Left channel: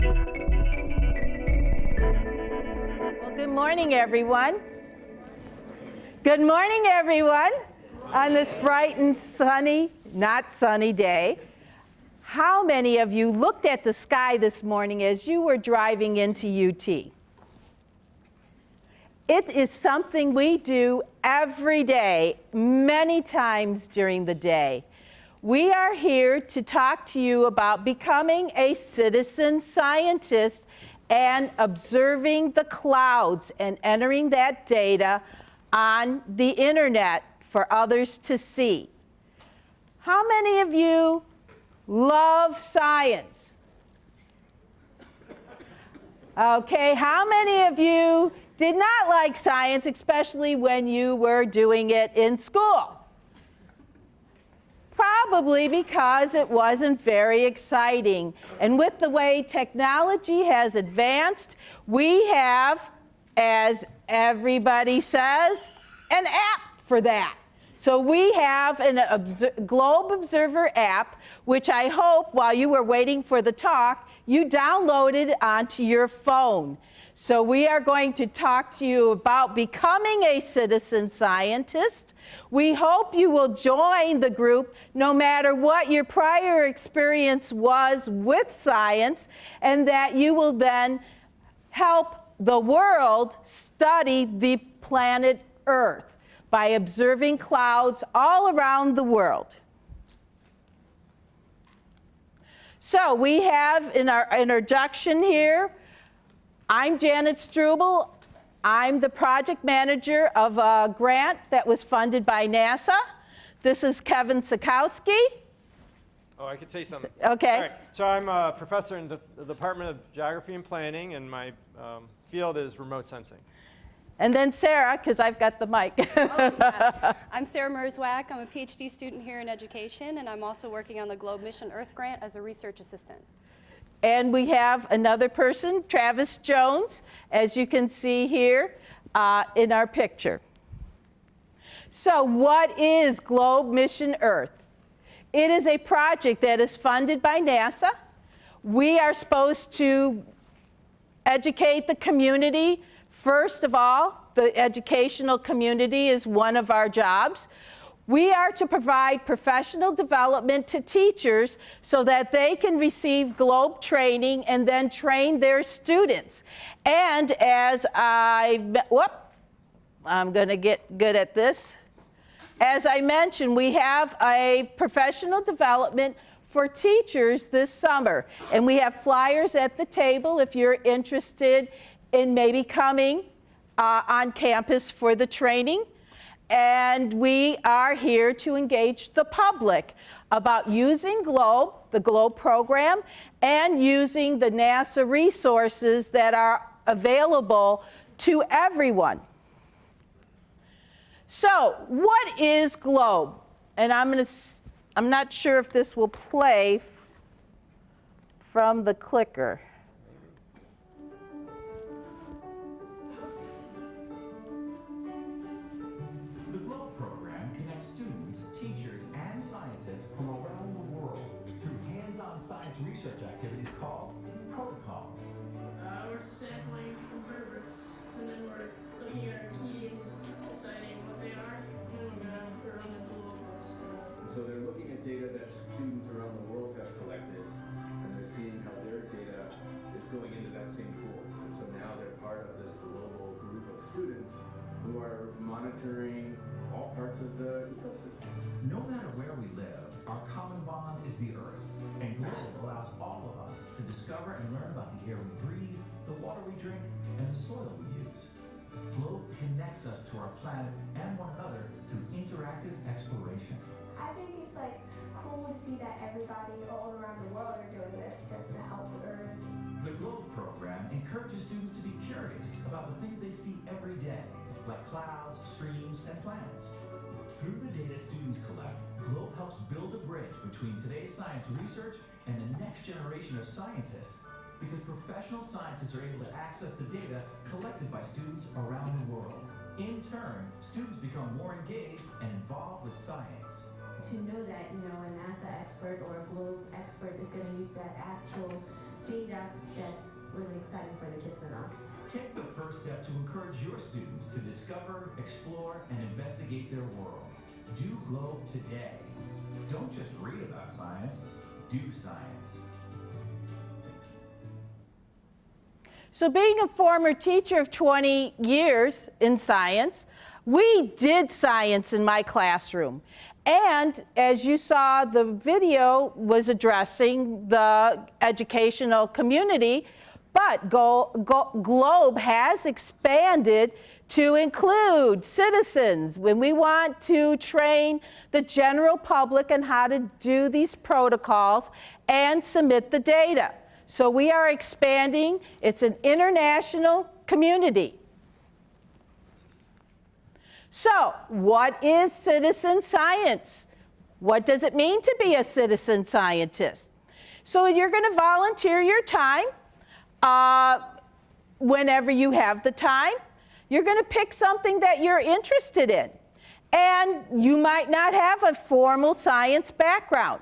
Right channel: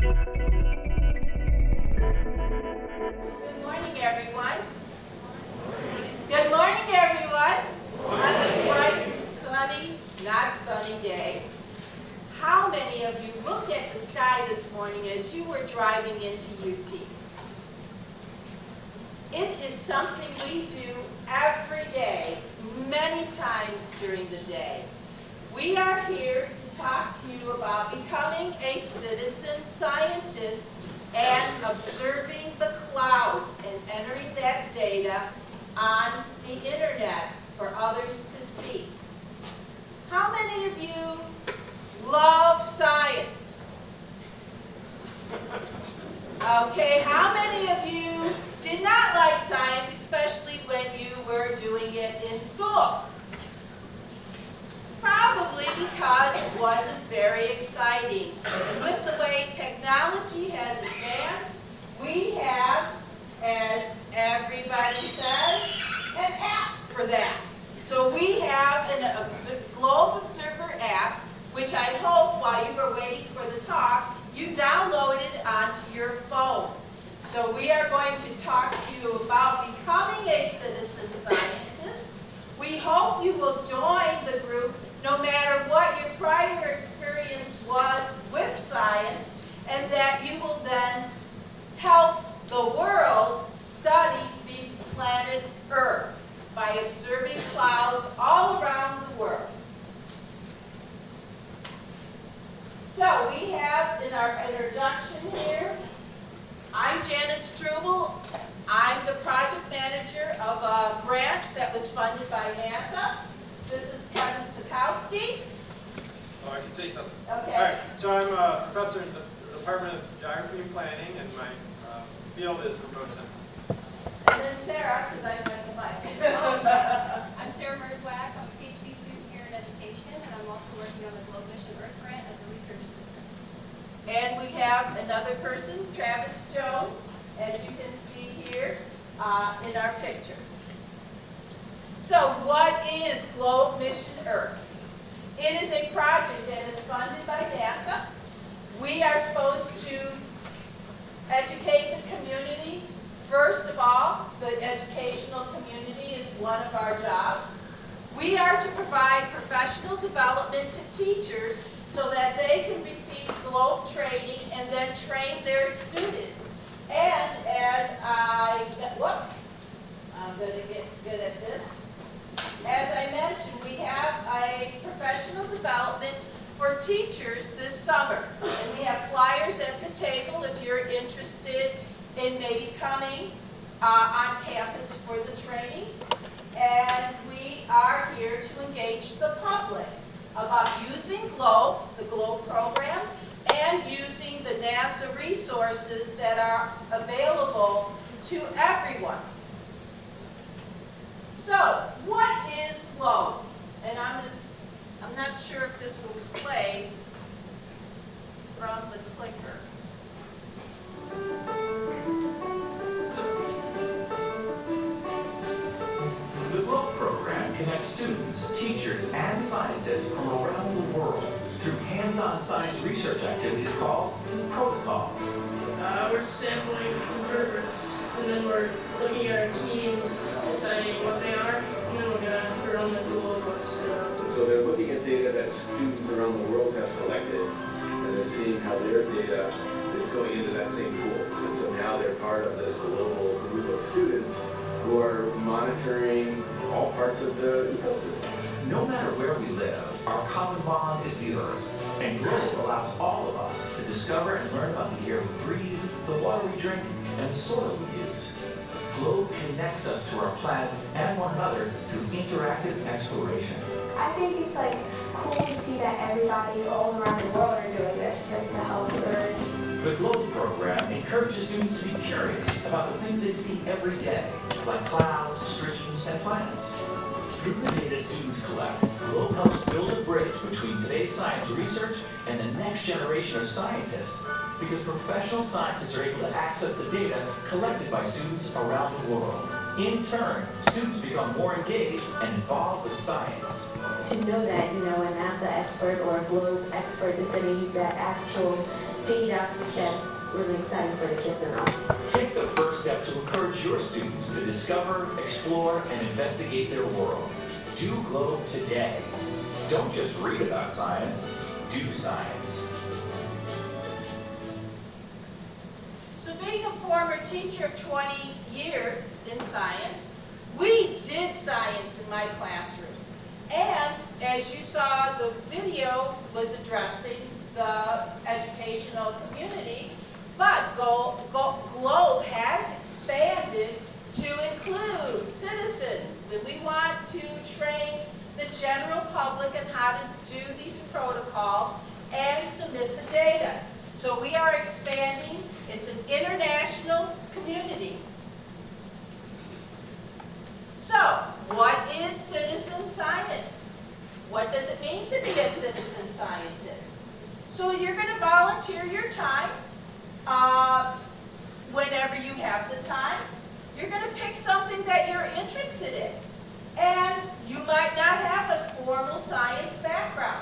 Good morning, everyone. Good morning, everyone. On this bright and sunny, not sunny day, how many of you looked at the sky this morning as you were driving into UT? It is something we do every day, many times during the day. We are here to talk to you about becoming a citizen scientist and observing the clouds and entering that data on the internet for others to see. How many of you love science? Okay, how many of you did not like science, especially when you were doing it in school? Probably because it wasn't very exciting. And with the way technology has advanced, we have, as everybody says, an app for that. So we have a Globe Observer app, which I hope while you were waiting for the talk, you downloaded onto your phone. So we are going to talk to you about becoming a citizen scientist. We hope you will join the group no matter what your prior experience was with science, and that you will then help the world study the planet Earth by observing clouds all around the world. So we have in our introduction here, I'm Janet Struble. I'm the project manager of a grant that was funded by NASA. This is Kevin Czajkowski. Oh, I can say something. Okay. All right. So I'm a professor in the Department of Geography and Planning, and my field is remote sensing. And then Sarah, because I've got the mic. I'm Sarah Merzwack. I'm a PhD student here in education, and I'm also working on the Globe Mission Earth Grant as a research assistant. And we have another person, Travis Jones, as you can see here in our picture. So what is Globe Mission Earth? It is a project that is funded by NASA. We are supposed to educate the community. First of all, the educational community is one of our jobs. We are to provide professional development to teachers so that they can receive Globe training and then train their students. And as I'm going to get good at this. As I mentioned, we have a professional development for teachers this summer. And we have flyers at the table if you're interested in maybe coming on campus for the training. And we are here to engage the public about using Globe, the Globe program, and using the NASA resources that are available to everyone. So, what is Globe? And I'm not sure if this will play from the clicker. The Globe program connects students, teachers, and scientists from around the world through hands-on science research activities called protocols. We're sampling invertebrates, and then we're looking at our key and deciding what they are, and then we're going to put it on the Google books. So they're looking at data that students around the world have collected, and they're seeing how their data is going into that same pool. And so now they're part of this global group of students who are monitoring all parts of the ecosystem. No matter where we live, our common bond is the Earth, and Globe allows all of us to discover and learn about the air we breathe, the water we drink, and the soil we use. Globe connects us to our planet and one another through interactive exploration. I think it's cool to see that everybody all around the world are doing this just to help the Earth. The Globe program encourages students to be curious about the things they see every day, like clouds, streams, and planets. Through the data students collect, Globe helps build a bridge between today's science research and the next generation of scientists, because professional scientists are able to access the data collected by students around the world. In turn, students become more engaged and involved with science. To know that, a NASA expert or a Globe expert is going to use that actual data that's really exciting for the kids and us. Take the first step to encourage your students to discover, explore, and investigate their world. Do Globe today. Don't just read about science, do science. So being a former teacher of 20 years in science, we did science in my classroom. And as you saw, the video was addressing the educational community, but Globe has expanded to include citizens when we want to train the general public on how to do these protocols and submit the data. So we are expanding. It's an international community. So, what is citizen science? What does it mean to be a citizen scientist? So you're going to volunteer your time whenever you have the time. You're going to pick something that you're interested in. And you might not have a formal science background.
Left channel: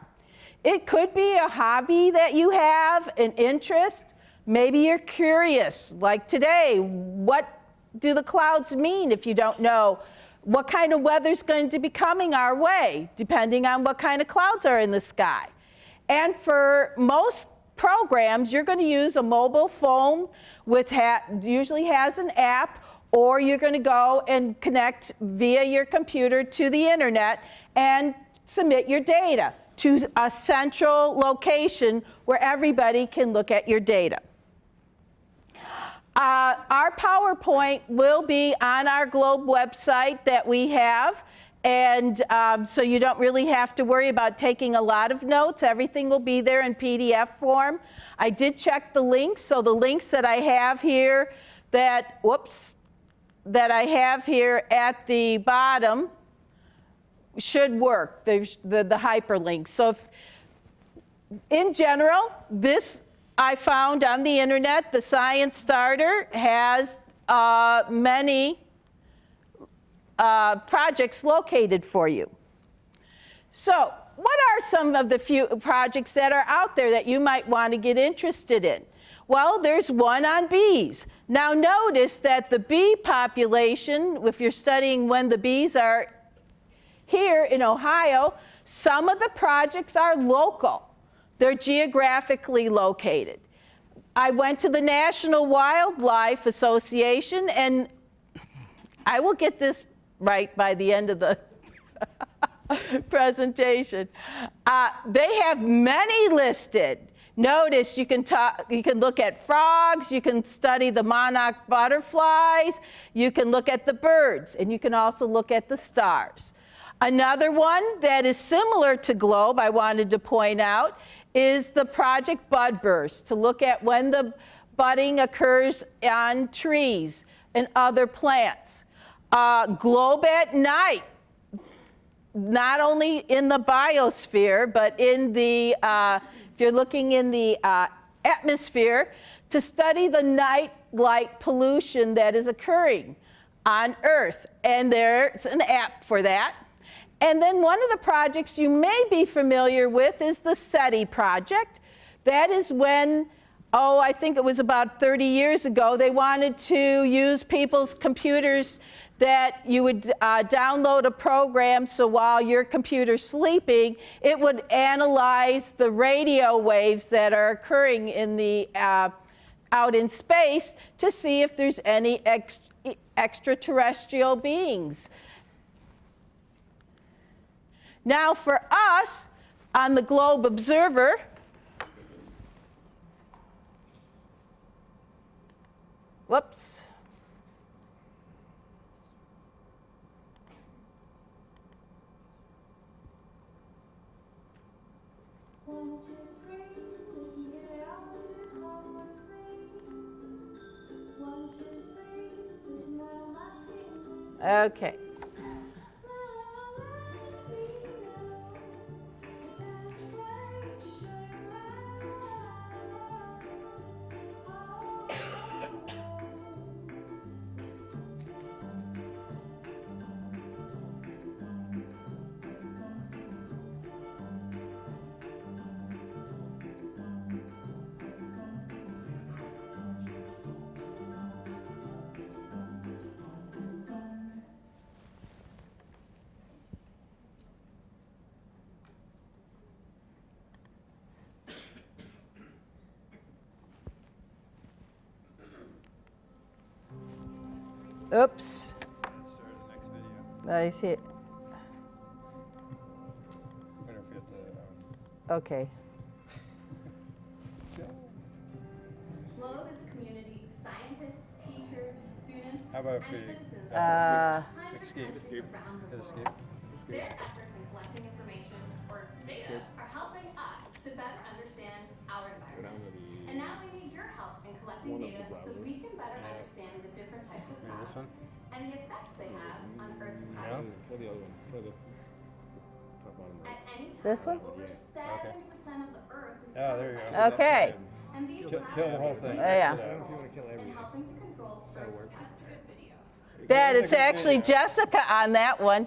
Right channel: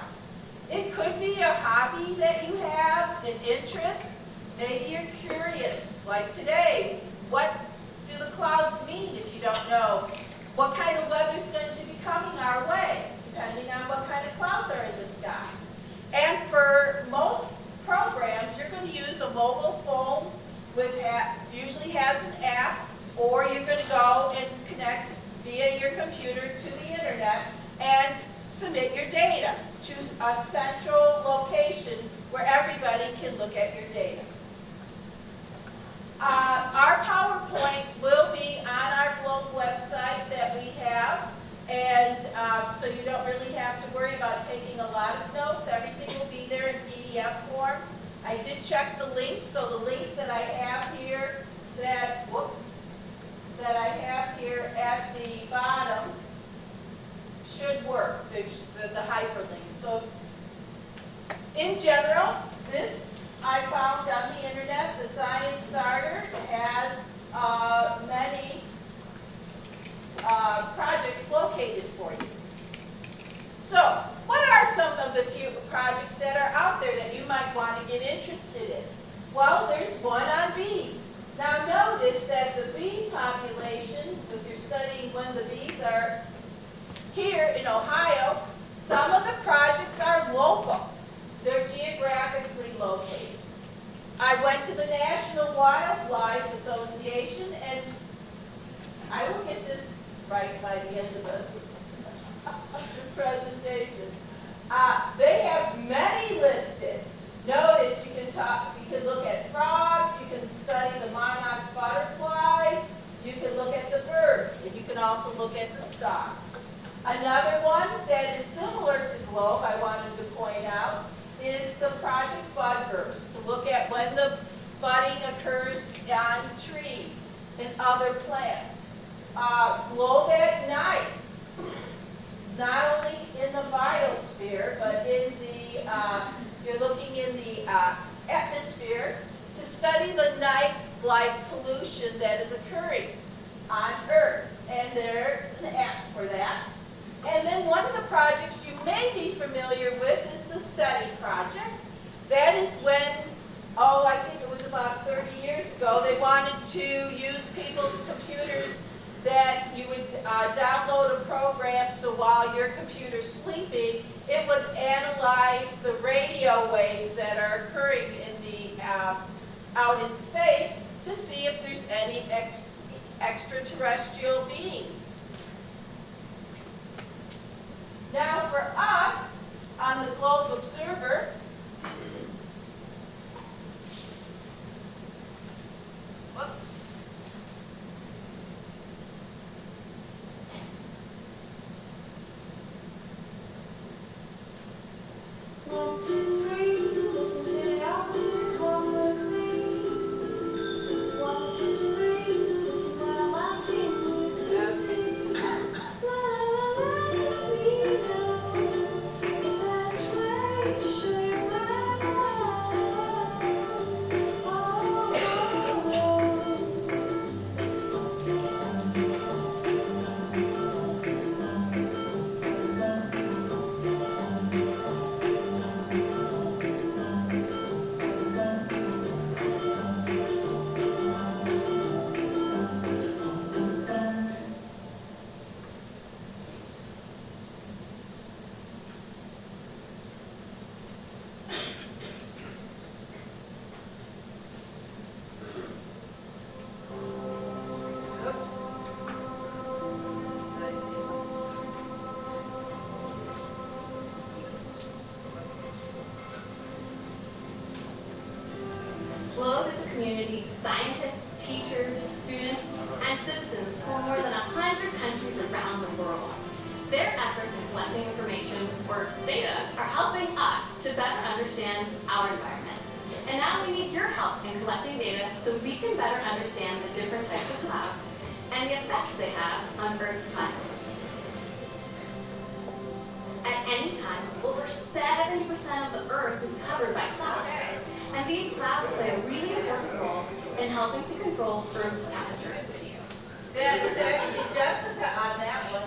It could be a hobby that you have, an interest. Maybe you're curious, like today, what do the clouds mean if you don't know? What kind of weather is going to be coming our way, depending on what kind of clouds are in the sky. And for most programs, you're going to use a mobile phone with usually has an app, or you're going to go and connect via your computer to the internet and submit your data to a central location where everybody can look at your data. Our PowerPoint will be on our Globe website that we have, and so you don't really have to worry about taking a lot of notes. Everything will be there in PDF form. I did check the links, so the links that I have here that I have here at the bottom should work, the hyperlinks. So in general, this I found on the internet, the Science Starter has many projects located for you. So what are some of the few projects that are out there that you might want to get interested in? Well, there's one on bees. Now notice that the bee population, if you're studying when the bees are here in Ohio, some of the projects are local. They're geographically located. I went to the National Wildlife Association, and I will get this right by the end of the presentation. They have many listed. Notice you can look at frogs, you can study the monarch butterflies, you can look at the birds, and you can also look at the stars. Another one that is similar to Globe, I wanted to point out, is the Project Bud Burst, to look at when the budding occurs on trees and other plants. Globe at night, not only in the biosphere, but in the, if you're looking in the atmosphere, to study the night light pollution that is occurring on Earth. And there's an app for that. And then one of the projects you may be familiar with is the SETI project. That is when, I think it was about 30 years ago, they wanted to use people's computers that you would download a program, so while your computer's sleeping, it would analyze the radio waves that are occurring in the, out in space to see if there's any extraterrestrial beings. Now for us, on the Globe Observer, whoops. One, two, three, listen to the alphabet, come with me. 1, 2, 3, listen to the last name. Okay. La la la la, we know the best way to show Oops. I see it. Okay. GLOBE is a community of scientists, teachers, students, and citizens from more than 100 countries around the world. Their efforts in collecting information, or data, are helping us to better understand our environment. And now we need your help in collecting data so we can better understand the different types of clouds and the effects they have on Earth's climate. At any time, over 70% of the Earth is covered by clouds. Okay. And these clouds play a really important role in helping to control Earth's temperature. Dad, it's actually Jessica on that one.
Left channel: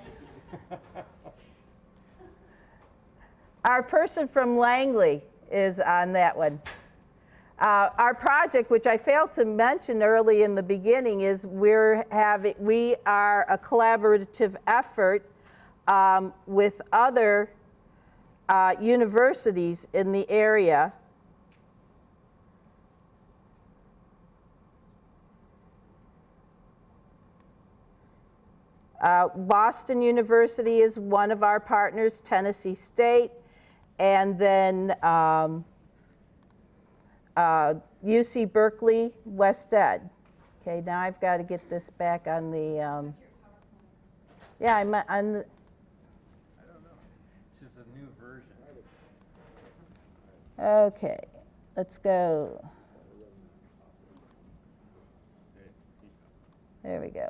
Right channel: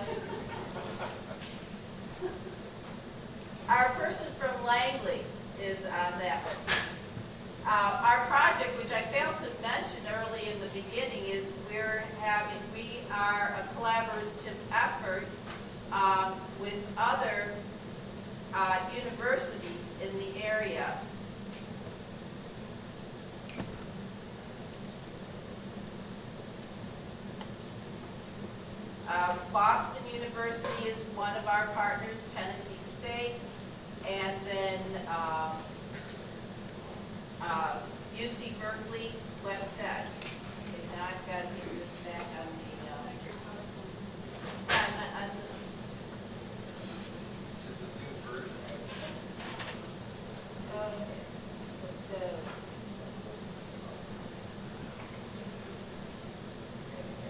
Our person from Langley is on that one. Our project, which I failed to mention early in the beginning, is we are a collaborative effort with other universities in the area. Boston University is one of our partners, Tennessee State, and then UC Berkeley, West Egg. Okay, now I've got to get this back on the, yeah, I'm okay, let's go. There we go.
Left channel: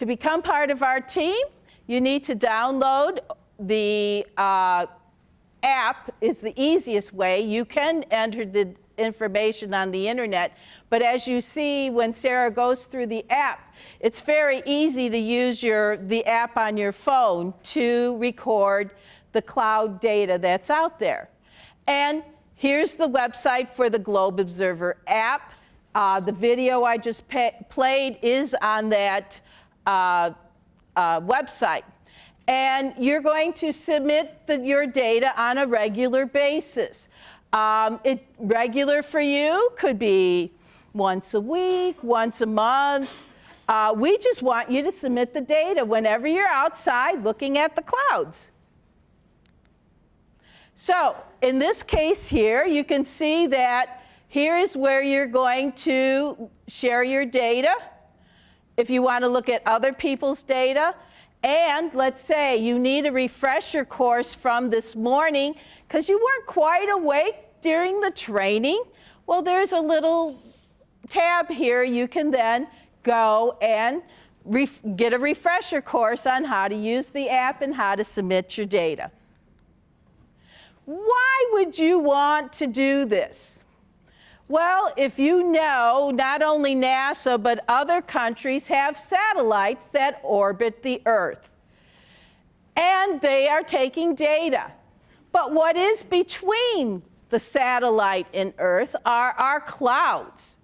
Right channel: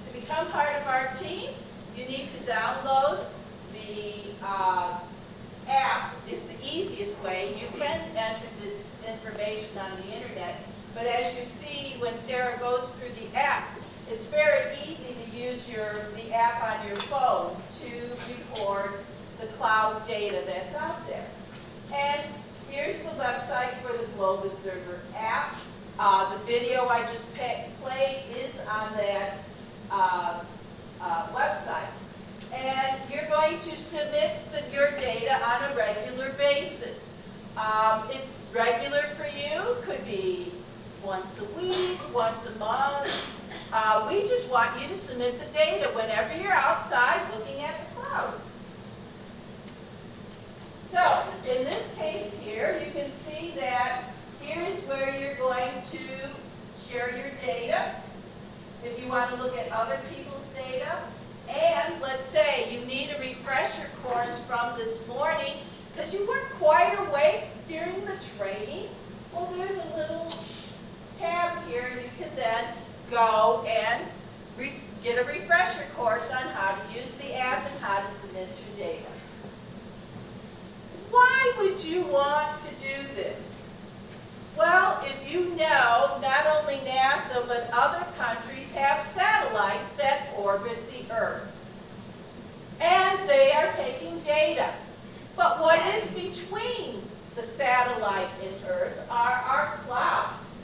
To become part of our team, you need to download the app. Is the easiest way. You can enter the information on the internet, but as you see when Sarah goes through the app, it's very easy to use the app on your phone to record the cloud data that's out there. And here's the website for the Globe Observer app. The video I just played is on that website. And you're going to submit your data on a regular basis. Regular for you could be once a week, once a month. We just want you to submit the data whenever you're outside looking at the clouds. So in this case here, you can see that here is where you're going to share your data. If you want to look at other people's data, and let's say you need a refresher course from this morning because you weren't quite awake during the training, well, there's a little tab here. You can then go and get a refresher course on how to use the app and how to submit your data. Why would you want to do this? Well, if you know, not only NASA, but other countries have satellites that orbit the Earth. And they are taking data. But what is between the satellite and Earth are our clouds.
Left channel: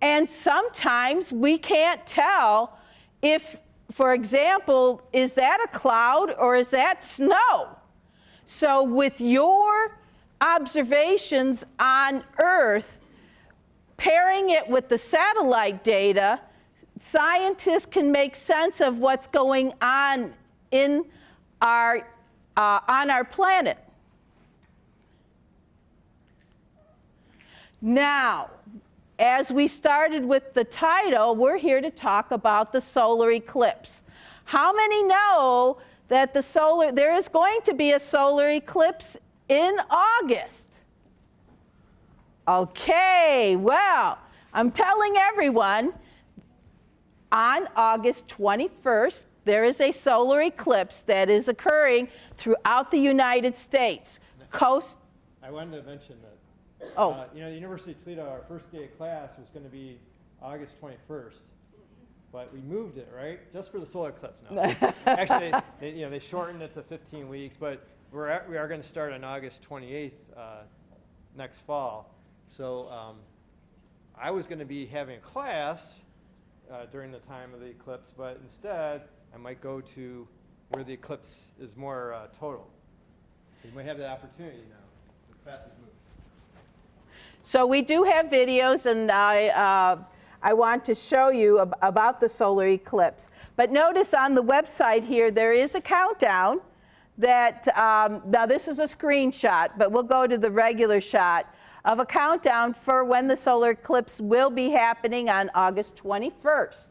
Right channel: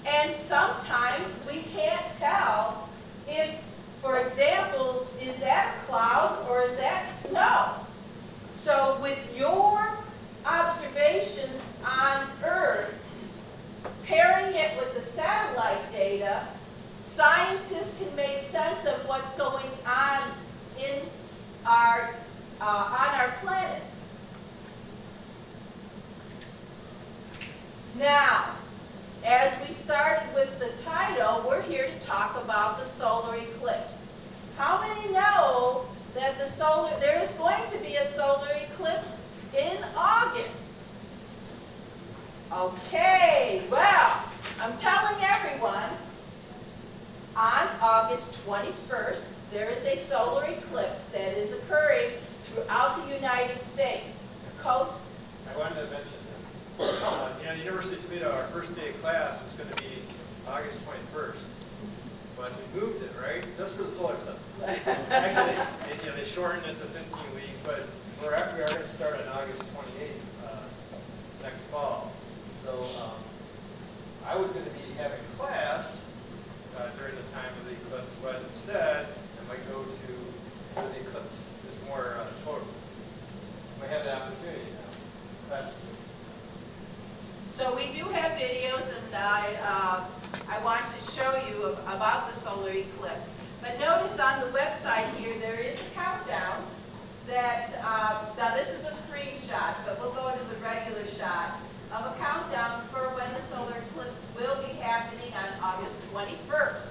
And sometimes we can't tell if, for example, is that a cloud or is that snow? So with your observations on Earth, pairing it with the satellite data, scientists can make sense of what's going on in on our planet. Now, as we started with the title, we're here to talk about the solar eclipse. How many know that there is going to be a solar eclipse in August? Okay, well, I'm telling everyone, on August 21st, there is a solar eclipse that is occurring throughout the United States. Coast. I wanted to mention that. Oh. University of Toledo, our first day of class was going to be August 21st. But we moved it, right? Just for the solar eclipse. Actually, they shortened it to 15 weeks, but we are going to start on August 28th next fall. So I was going to be having class during the time of the eclipse, but instead I might go to where the eclipse is more total. We had it So we do have videos, and I want to show you about the solar eclipse. But notice on the website here, there is a countdown that, now this is a screenshot, but we'll go to the regular shot of a countdown for when the solar eclipse will be happening on August 21st.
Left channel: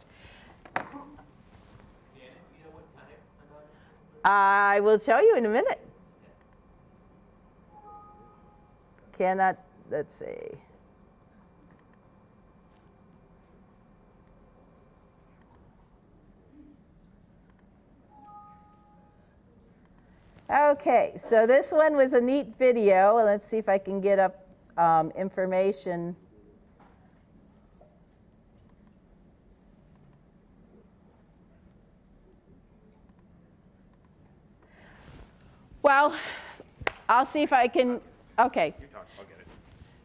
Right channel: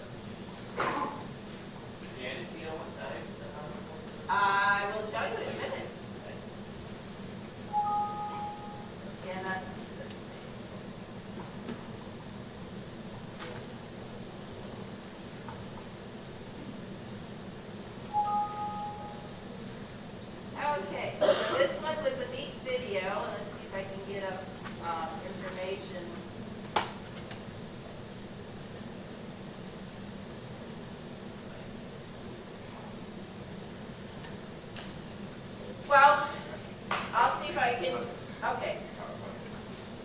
I will show you in a minute. Cannot, let's see. Okay, so this one was a neat video. Let's see if I can get up information. Well, I'll see if I can, okay.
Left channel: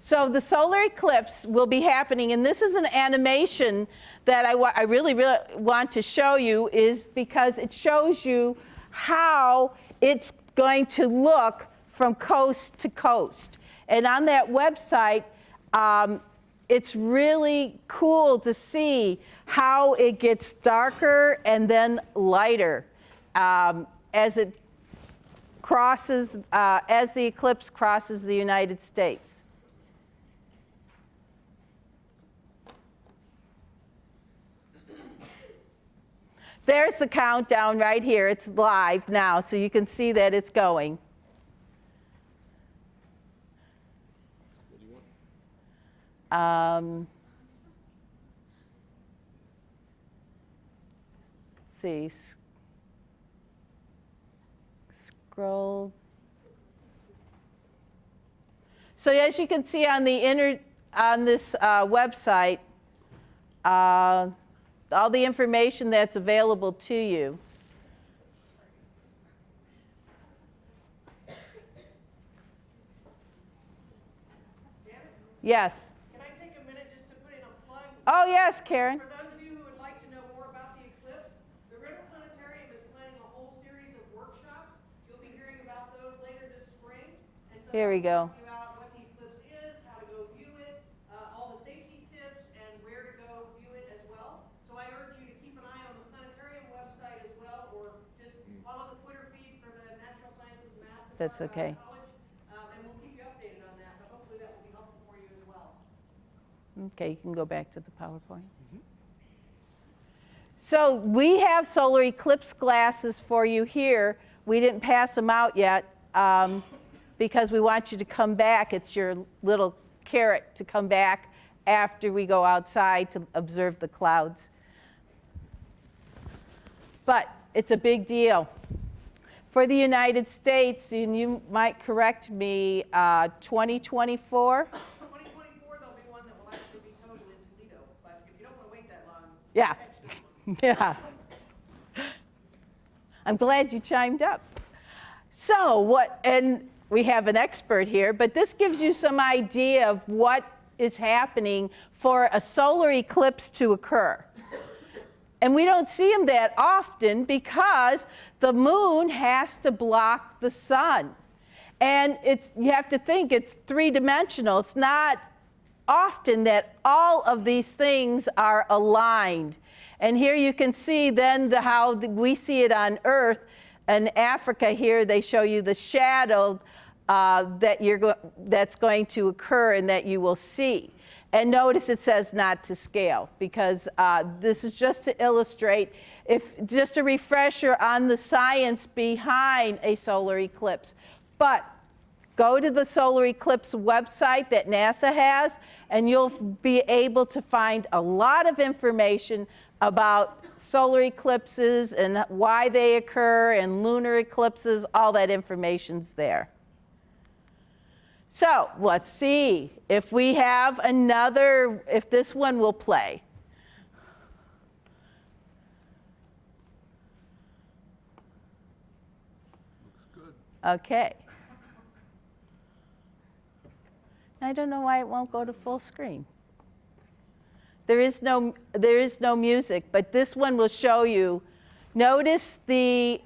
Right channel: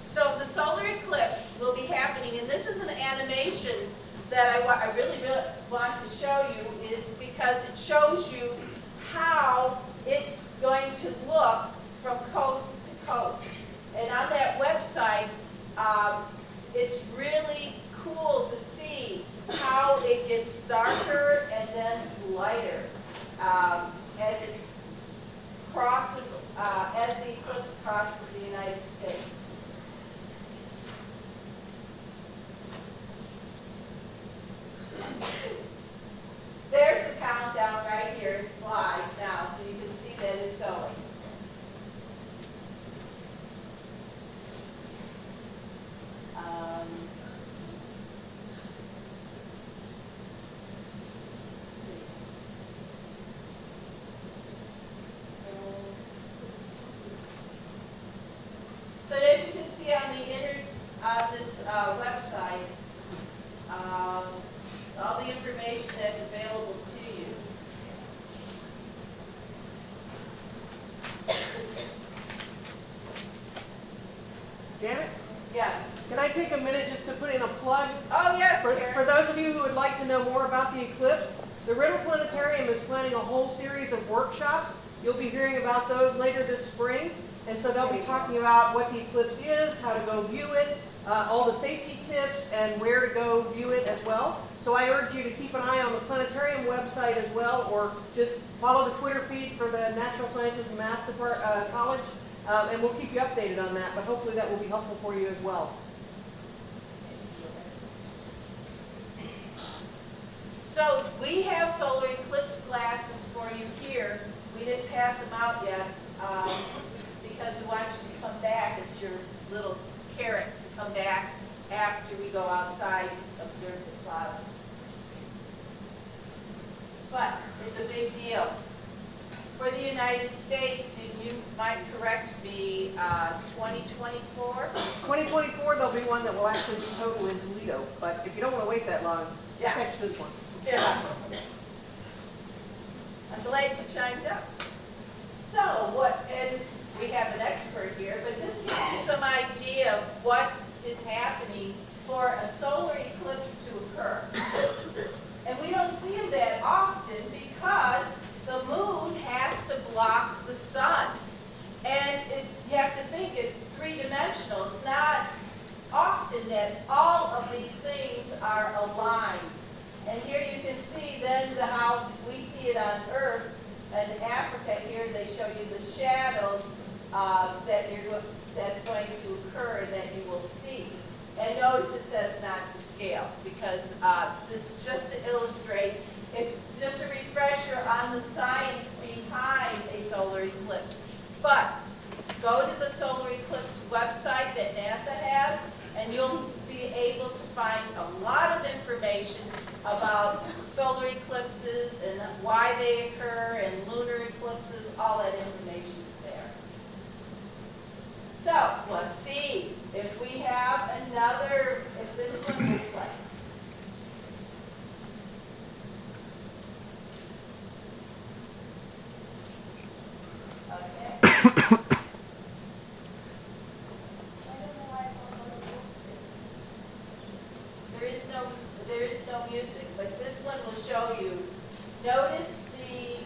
So the solar eclipse will be happening, and this is an animation that I really want to show you, is because it shows you how it's going to look from coast to coast. And on that website, it's really cool to see how it gets darker and then lighter as it crosses, as the eclipse crosses the United States. There's the countdown right here. It's live now, so you can see that it's going. Let's see. Scroll. So as you can see on the on this website, all the information that's available to you. Janet, Yes. can I take a minute just to put in a plug? Oh, yes, For Karen. those of you who would like to know more about the eclipse, the Riddle Planetarium is planning a whole series of workshops. You'll be hearing about those later this spring. And so they'll There be we go. talking about what the eclipse is, how to go view it, all the safety tips, and where to go view it as well. So I urge you to keep an eye on the planetarium website as well, or just follow the Twitter feed for the Natural Sciences and Math okay. College, and we'll keep you updated on that. But hopefully that will be helpful for you as well. Okay, you can go back to the PowerPoint. So we have solar eclipse glasses for you here. We didn't pass them out yet because we want you to come back. It's your little carrot to come back after we go outside to observe the clouds. But it's a big deal. For the United States, and you might correct me, 2024? 2024, there'll be one that will actually be total in Toledo. But if you don't want to wait that long, Yeah. catch this one. Yeah. I'm glad you chimed up. So what, and we have an expert here, but this gives you some idea of what is happening for a solar eclipse to occur. And we don't see them that often because the moon has to block the sun. And you have to think it's three-dimensional. It's not often that all of these things are aligned. And here you can see then how we see it on Earth. In Africa here, they show you the shadow that's going to occur and that you will see. And notice it says not to scale, because this is just to illustrate, just a refresher on the science behind a solar eclipse. But go to the solar eclipse website that NASA has, and you'll be able to find a lot of information about solar eclipses and why they occur, and lunar eclipses. All that information's there. So let's see if we have another, if this one will play. Okay. I don't know why it won't go to full screen. There is no music, but this one will show you. Notice the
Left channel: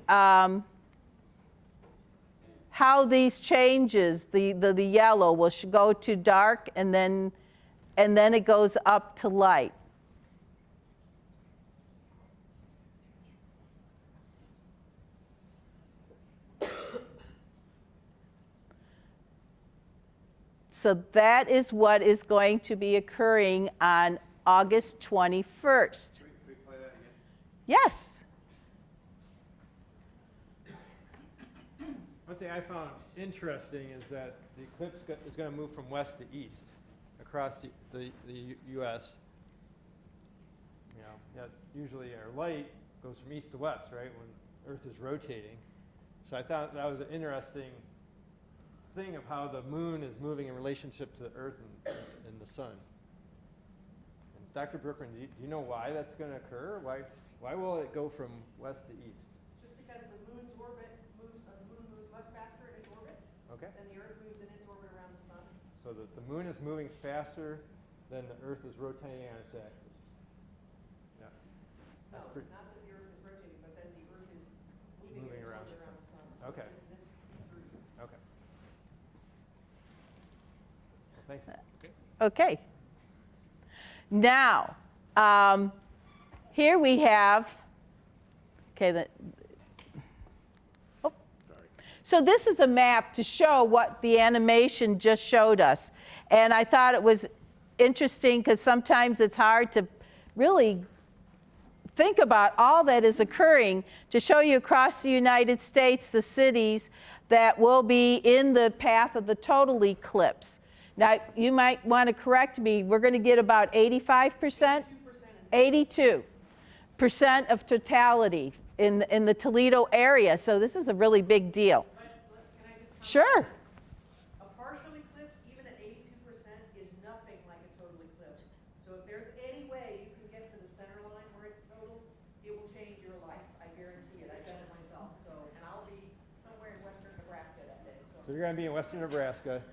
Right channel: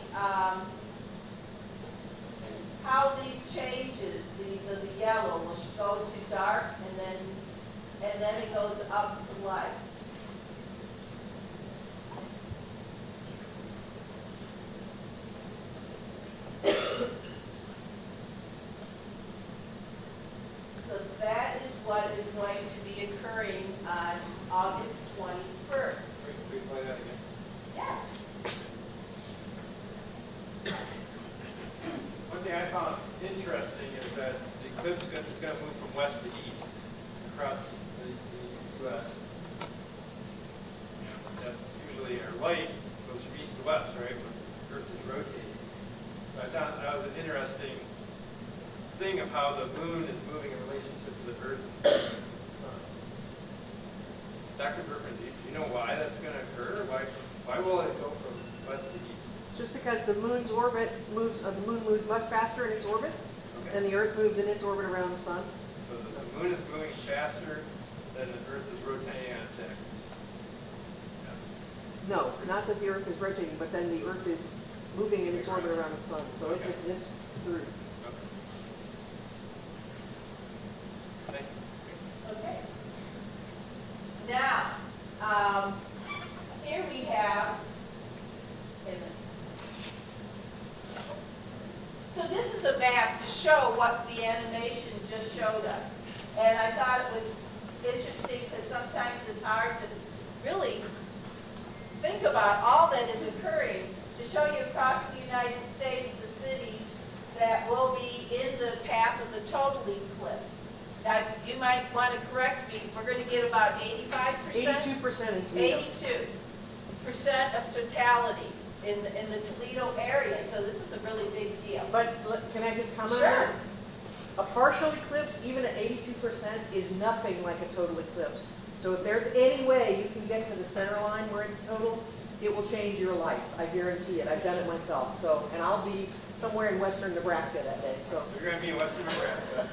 how these changes, the yellow will go to dark and then it goes up to light. So that is what is going to be occurring on August 21st. We play that again. Yes. One thing I found interesting is that the eclipse is going to move from west to east across the U.S. That usually our light goes from east to west, right? When the Earth is rotating. So I thought that was an interesting thing of how the moon is moving in relationship to the Earth and the sun. Dr. Berkman, do you know why that's going to occur? Why will it go from west to east? Just because the moon's orbit moves, the moon moves much faster in its orbit than the Earth moves in its orbit around the sun. So the moon is moving faster than the Earth is rotating on its axis. No, not that the Earth is rotating, but then the Earth is moving in its orbit around the sun. So it just zips through. Okay. Now, here we have, so this is a map to show what the animation just showed us. And I thought it was interesting because sometimes it's hard to really think about all that is occurring, to show you across the United States the cities that will be in the path of the total eclipse. Now, you might want to correct me. We're going to get about 85%? 82%. 82% of totality in the Toledo area. So this is a really big deal. But can I just comment? Sure. A partial eclipse, even at 82%, is nothing like a total eclipse. So if there's any way you can get to the center line where it's total, it will change your life. I guarantee it. I've done it myself. So, and I'll be somewhere in western Nebraska that day. So you're going to be in western Nebraska.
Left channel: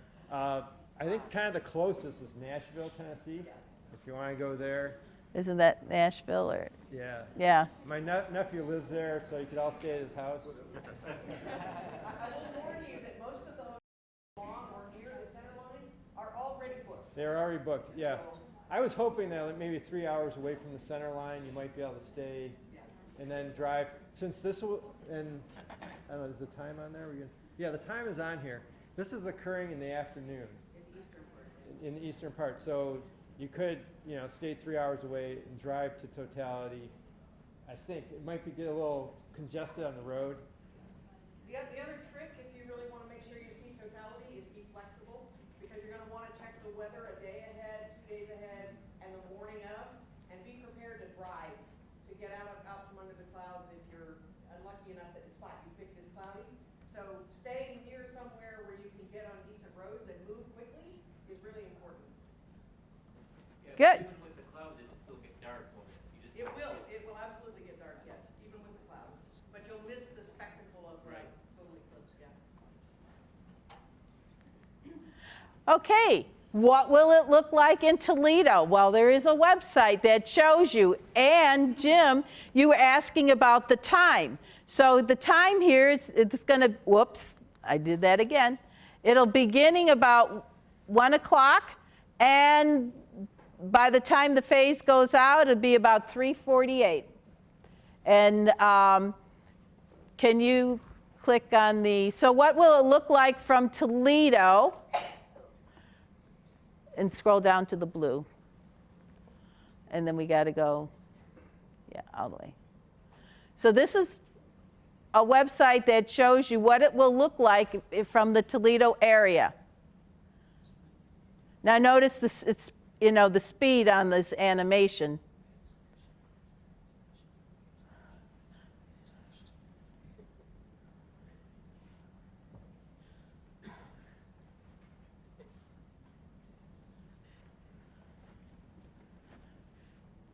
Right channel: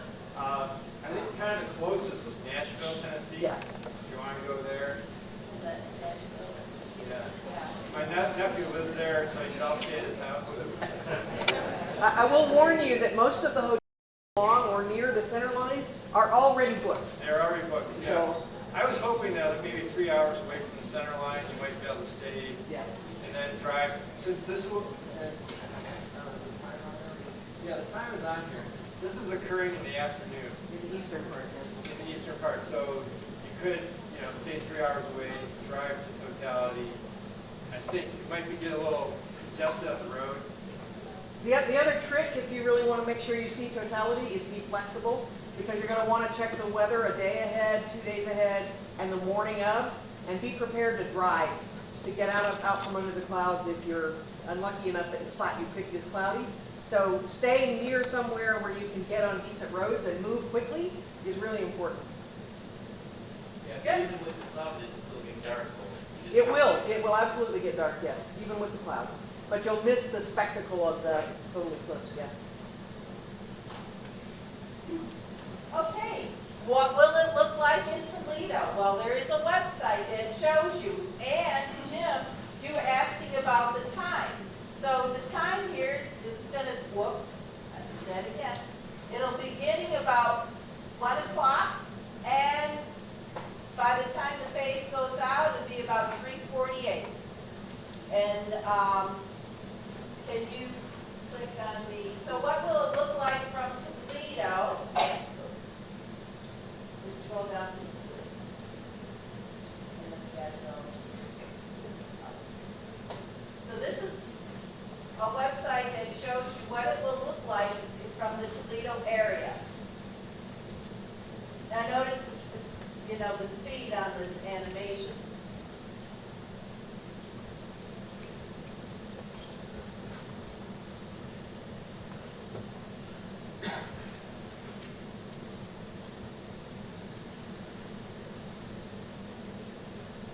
I think kind of the closest is Nashville, Tennessee. Yeah. If you want to go there. Isn't that Nashville or? Yeah. Yeah. My nephew lives there, so he shall stay at his house. I will warn you that most of the hotels along or near the center line are already booked. They're already booked. Yeah. So, I was hoping that maybe 3 hours away from the center line, you might be able to stay and then drive. Since this will, and the time on there? Yeah, the time is on here. This is occurring in the afternoon. in the eastern part. In the eastern part. So you could, stay 3 hours away, drive to totality. I think it might get a little congested up the road. The other trick, if you really want to make sure you see totality, is be flexible, because you're going to want to check the weather a day ahead, 2 days ahead, and the morning of, and be prepared to drive, to get out from under the clouds if you're unlucky enough that the spot you picked is cloudy. So staying near somewhere where you can get on decent roads and move quickly is really important. Good. Even with the cloud, it's still getting dark. It will absolutely get dark, yes, even with the clouds. But you'll miss the spectacle of the total eclipse, yeah. Okay, what will it look like in Toledo? Well, there is a website that shows you. And Jim, you were asking about the time. So the time here, it's going to, whoops, I did that again. It'll beginning about 1 o'clock, and by the time the phase goes out, it'll be about 3:48. And can you click on the, so what will it look like from Toledo? And scroll down to the blue. And then we got to go, all the way. So this is a website that shows you what it will look like from the Toledo area. Now notice this, it's, the speed on this animation.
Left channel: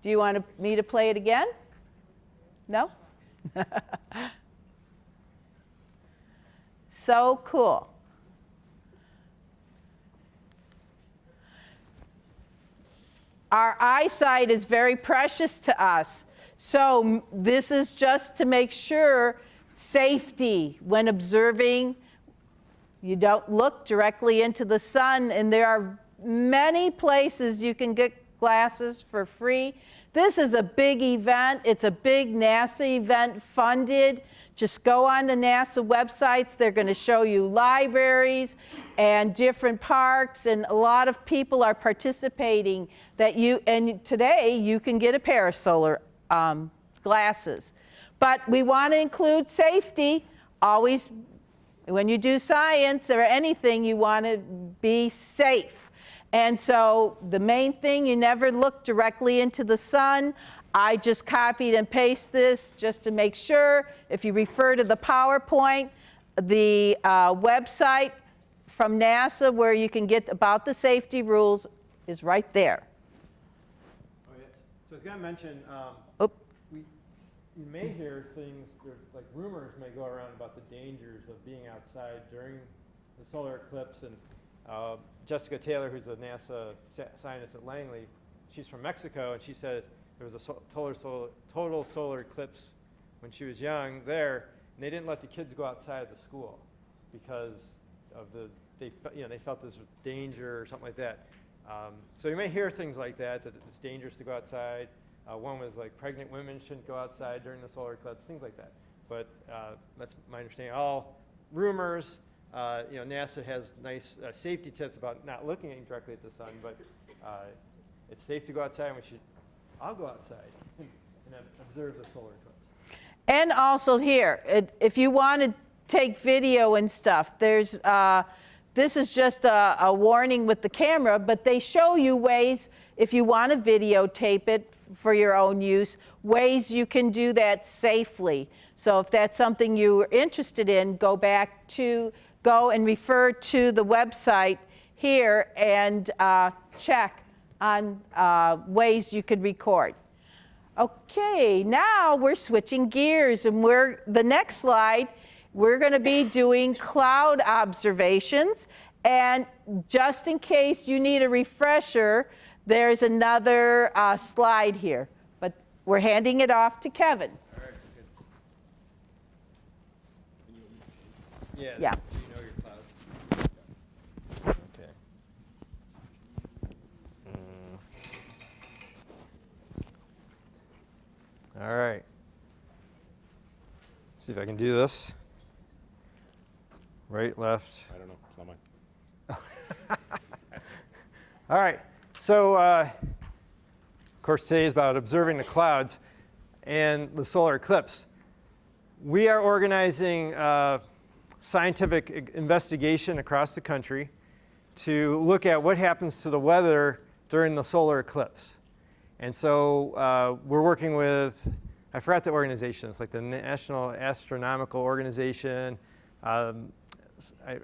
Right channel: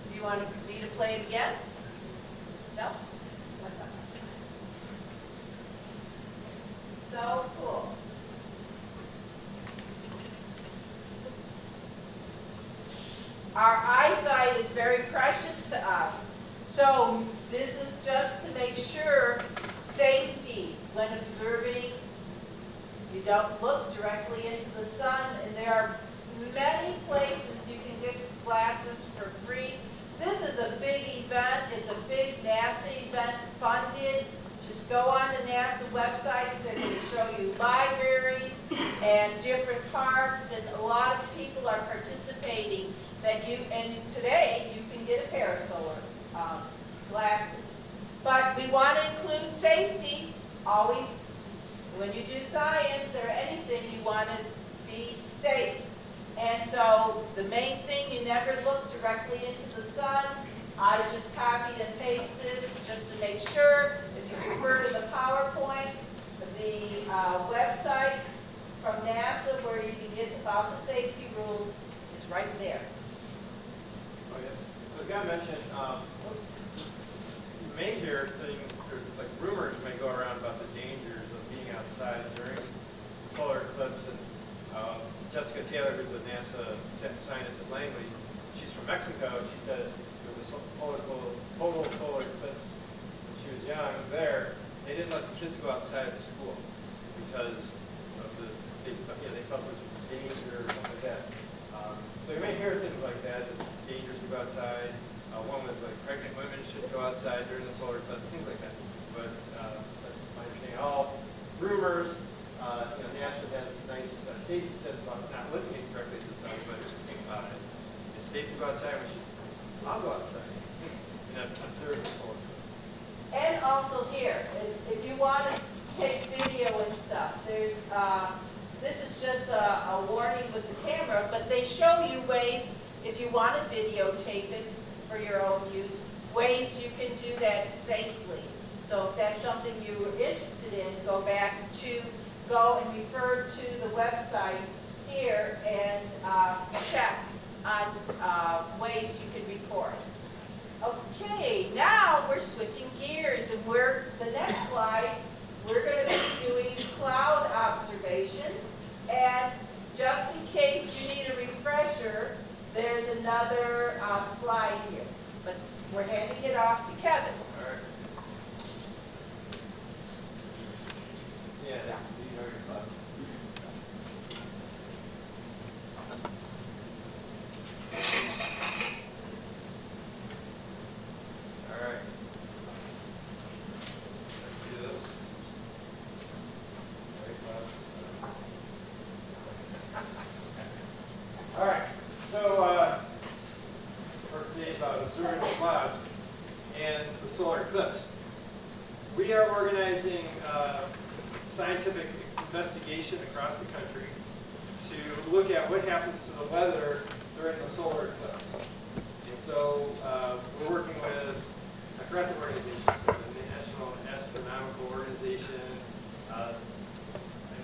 Do you want me to play it again? No? So cool. Our eyesight is very precious to us. So this is just to make sure safety when observing You don't look directly into the sun, and there are many places you can get glasses for free. This is a big event. It's a big NASA event funded. Just go on the NASA websites. They're going to show you libraries and different parks, and a lot of people are participating. And today you can get a pair of solar glasses. But we want to include safety. Always, when you do science or anything, you want to be safe. And so the main thing, you never look directly into the sun. I just copied and pasted this just to make sure. If you refer to the PowerPoint, the website from NASA where you can get about the safety rules is right there. Oh, yeah. So John mentioned, you may hear things, there's like rumors may go around about the dangers of being outside during solar eclipse. And Jessica Taylor, who's a NASA scientist in Langley, she's from Mexico. She said there was a total solar eclipse when she was young there. And they didn't let the kids go outside of school because of they thought there was danger or something like that. So you may hear things like that it's dangerous to go outside. One was like pregnant women shouldn't go outside during the solar eclipse, things like that. But that's my understanding. All rumors. NASA has nice safety tips about not looking directly at the sun, but it's safe to go outside. We should all go outside and observe the solar. And also here, if you want to take video and stuff, there's this is just a warning with the camera, but they show you ways, if you want to videotape it for your own use, ways you can do that safely. So if that's something you're interested in, go and refer to the website here and check on ways you could record. Okay, now we're switching gears, and the next slide, we're going to be doing cloud observations. And just in case you need a refresher, there's another slide here. But we're handing it off to Kevin. Yeah. All right. See if I can do this. Right, left. All right. So, of course, today is about observing the clouds and the solar eclipse. We are organizing scientific investigation across the country to look at what happens to the weather during the solar eclipse. And so we're working with, I forgot the organization, it's like the National Astronomical Organization. I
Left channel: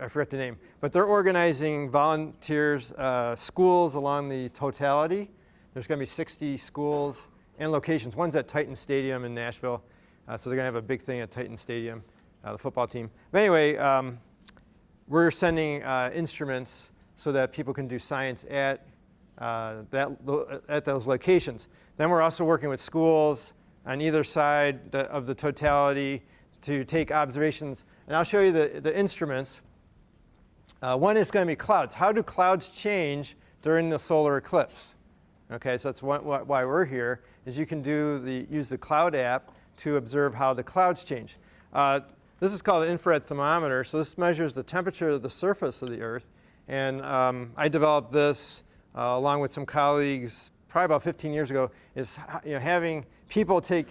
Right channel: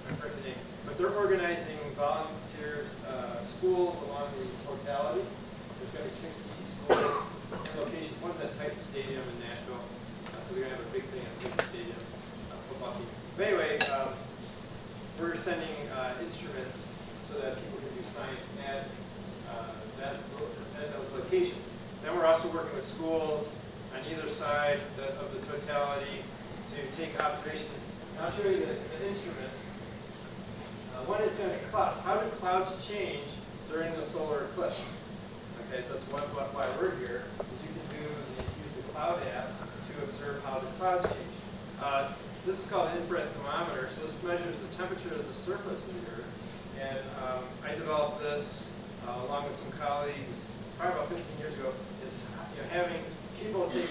forgot the name. But they're organizing volunteers, schools along the totality. There's going to be 60 schools and locations. One's at Titan Stadium in Nashville. So they're going to have a big thing at Titan Stadium, the football team. But anyway, we're sending instruments so that people can do science at those locations. Then we're also working with schools on either side of the totality to take observations. And I'll show you the instruments. One is going to be clouds. How do clouds change during the solar eclipse? Okay, so that's why we're here, is you can use the cloud app to observe how the clouds change. This is called an infrared thermometer. So this measures the temperature of the surface of the Earth. And I developed this along with some colleagues probably about 15 years ago, is having people take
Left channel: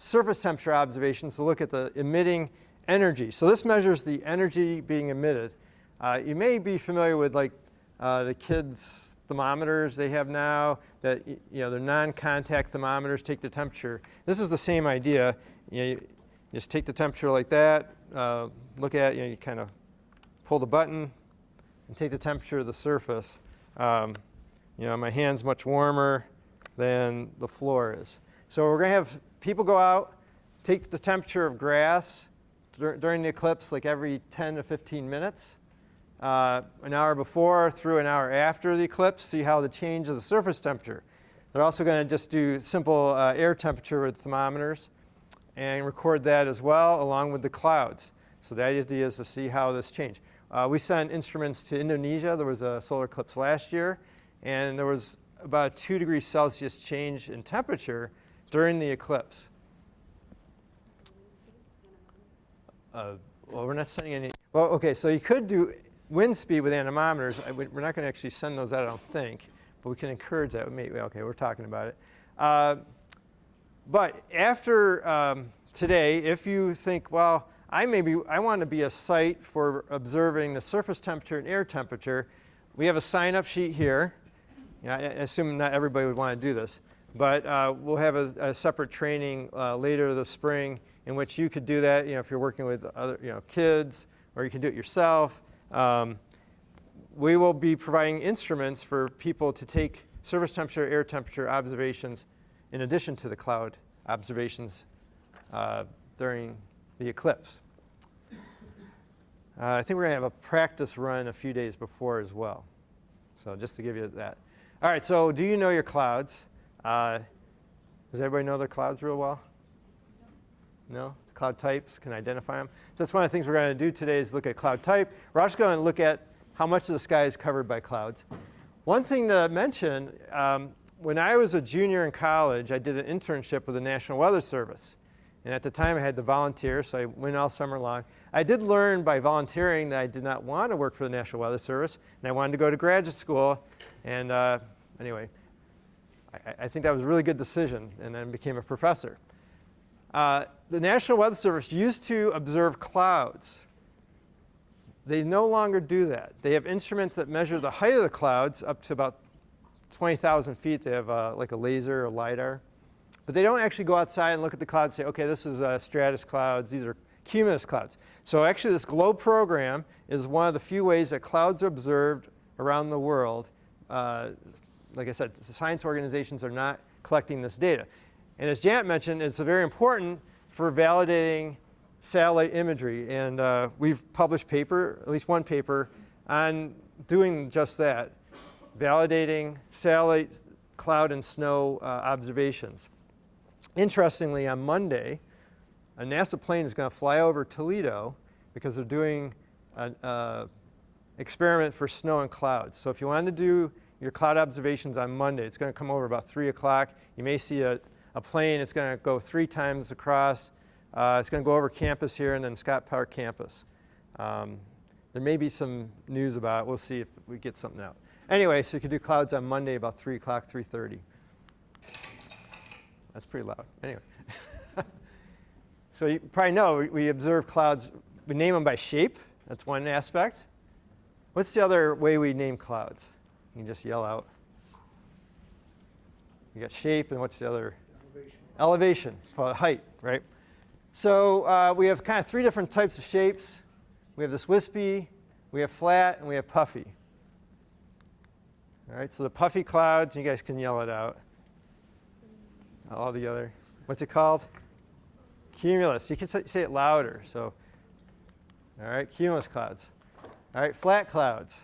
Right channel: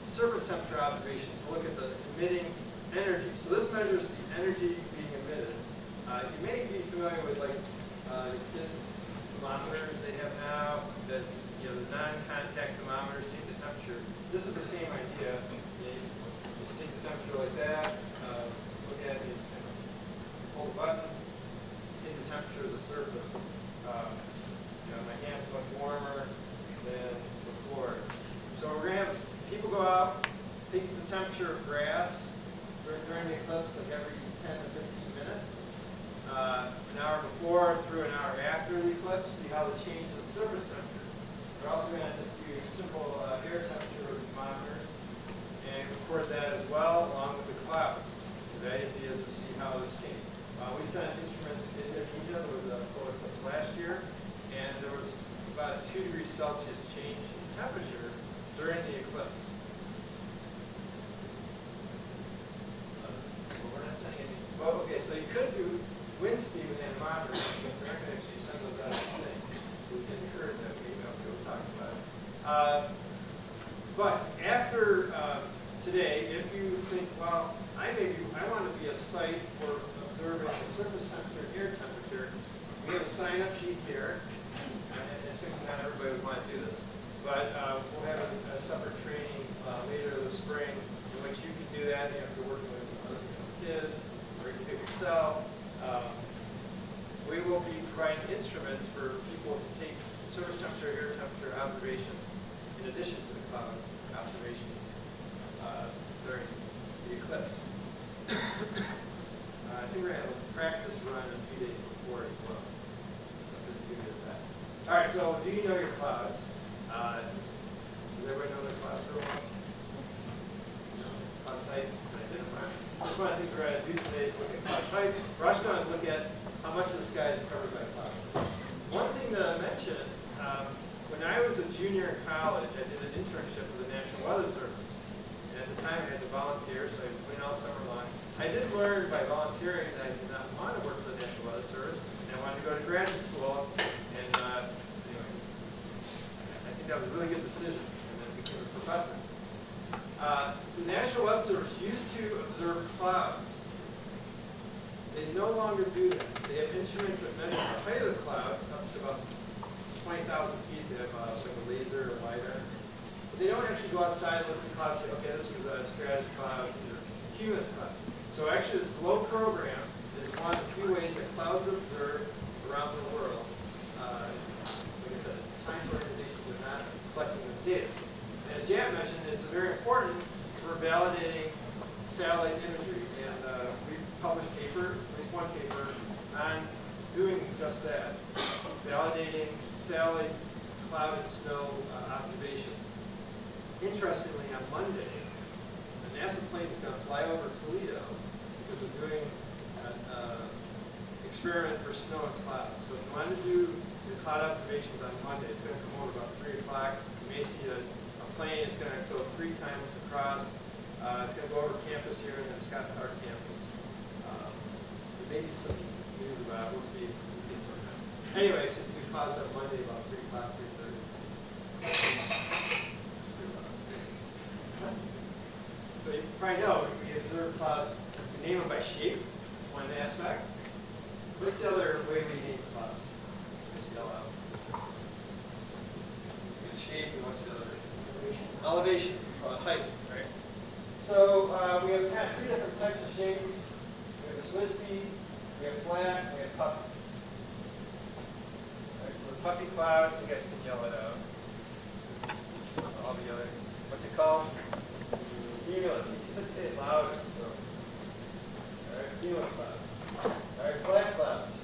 surface temperature observations to look at the emitting energy. So this measures the energy being emitted. You may be familiar with like the kids' thermometers they have now that they're non-contact thermometers, take the temperature. This is the same idea. You just take the temperature like that, look at you kind of pull the button, and take the temperature of the surface. My hand's much warmer than the floor is. So we're going to have people go out, take the temperature of grass during the eclipse, like every 10 to 15 minutes. An hour before through an hour after the eclipse, see how the change of the surface temperature. They're also going to just do simple air temperature with thermometers and record that as well along with the clouds. So the idea is to see how this changes. We sent instruments to Indonesia. There was a solar eclipse last year, and there was about a 2 degrees Celsius change in temperature during the eclipse. Well, we're not sending any. Well, okay, so you could do wind speed with anemometers. We're not going to actually send those out, I don't think. But we can encourage that. Maybe, okay, we're talking about it. But after today, if you think, well, I want to be a site for observing the surface temperature and air temperature, we have a sign-up sheet here. I assume not everybody would want to do this, but we'll have a separate training later this spring in which you could do that. If you're working with other kids, or you can do it yourself. We will be providing instruments for people to take surface temperature, air temperature observations in addition to the cloud observations during the eclipse. I think we're going to have a practice run a few days before as well. So just to give you that. All right, so do you know your clouds? Does everybody know their clouds real well? No? Cloud types, can identify them? So that's one of the things we're going to do today is look at cloud type. We're also going to look at how much of the sky is covered by clouds. One thing to mention, when I was a junior in college, I did an internship with the National Weather Service. And at the time, I had to volunteer, so I went all summer long. I did learn by volunteering that I did not want to work for the National Weather Service, and I wanted to go to graduate school. And anyway, I think that was a really good decision, and then became a professor. The National Weather Service used to observe clouds. They no longer do that. They have instruments that measure the height of the clouds up to about 20,000 feet. They have like a laser or LiDAR. But they don't actually go outside and look at the clouds and say, okay, this is stratus clouds, these are cumulus clouds. So actually this GLOBE program is one of the few ways that clouds are observed around the world. Like I said, science organizations are not collecting this data. And as Janet mentioned, it's very important for validating satellite imagery. And we've published paper, at least one paper, on doing just that, validating satellite cloud and snow observations. Interestingly, on Monday, a NASA plane is going to fly over Toledo because they're doing an experiment for snow and clouds. So if you want to do your cloud observations on Monday, it's going to come over about 3 o'clock. You may see a plane. It's going to go 3 times across. It's going to go over campus here and then Scott Park campus. There may be some news about it. We'll see if we get something out. Anyway, so you can do clouds on Monday about 3 o'clock, 3:30. That's pretty loud. Anyway. So you probably know we observe clouds. We name them by shape. That's one aspect. What's the other way we name clouds? You just yell out. You got shape, and what's the other? Elevation, height, right? So we have kind of 3 different types of shapes. We have this wispy, we have flat, and we have puffy. All right, so the puffy clouds, you guys can yell it out. All the other, what's it called? Cumulus. You can say it louder. So, all right, cumulus clouds. All right, flat clouds.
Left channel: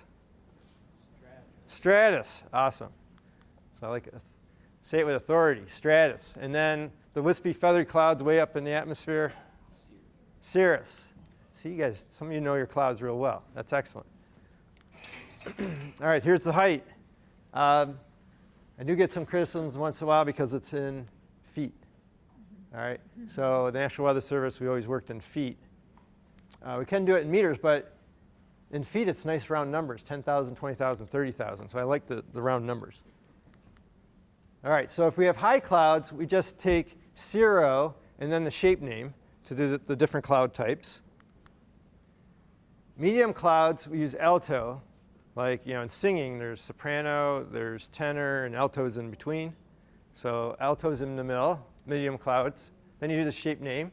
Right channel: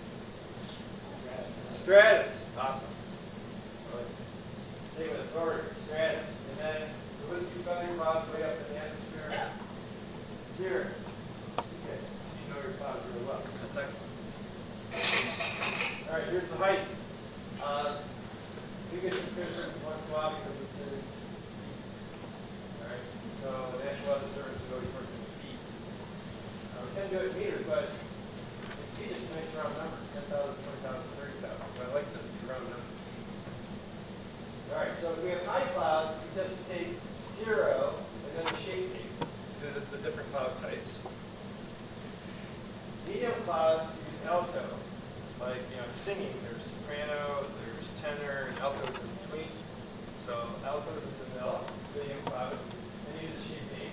Stratus. Awesome. I like it. Say it with authority. Stratus. And then the wispy feathered clouds way up in the atmosphere. Cirrus. See, you guys, some of you know your clouds real well. That's excellent. All right, here's the height. I do get some criticisms once in a while because it's in feet. All right, so the National Weather Service, we always worked in feet. We can do it in meters, but in feet, it's nice round numbers, 10,000, 20,000, 30,000. So I like the round numbers. All right, so if we have high clouds, we just take 0 and then the shape name to do the different cloud types. Medium clouds, we use alto. Like, in singing, there's soprano, there's tenor, and altos in between. So altos in the middle, medium clouds. Then you do the shape name.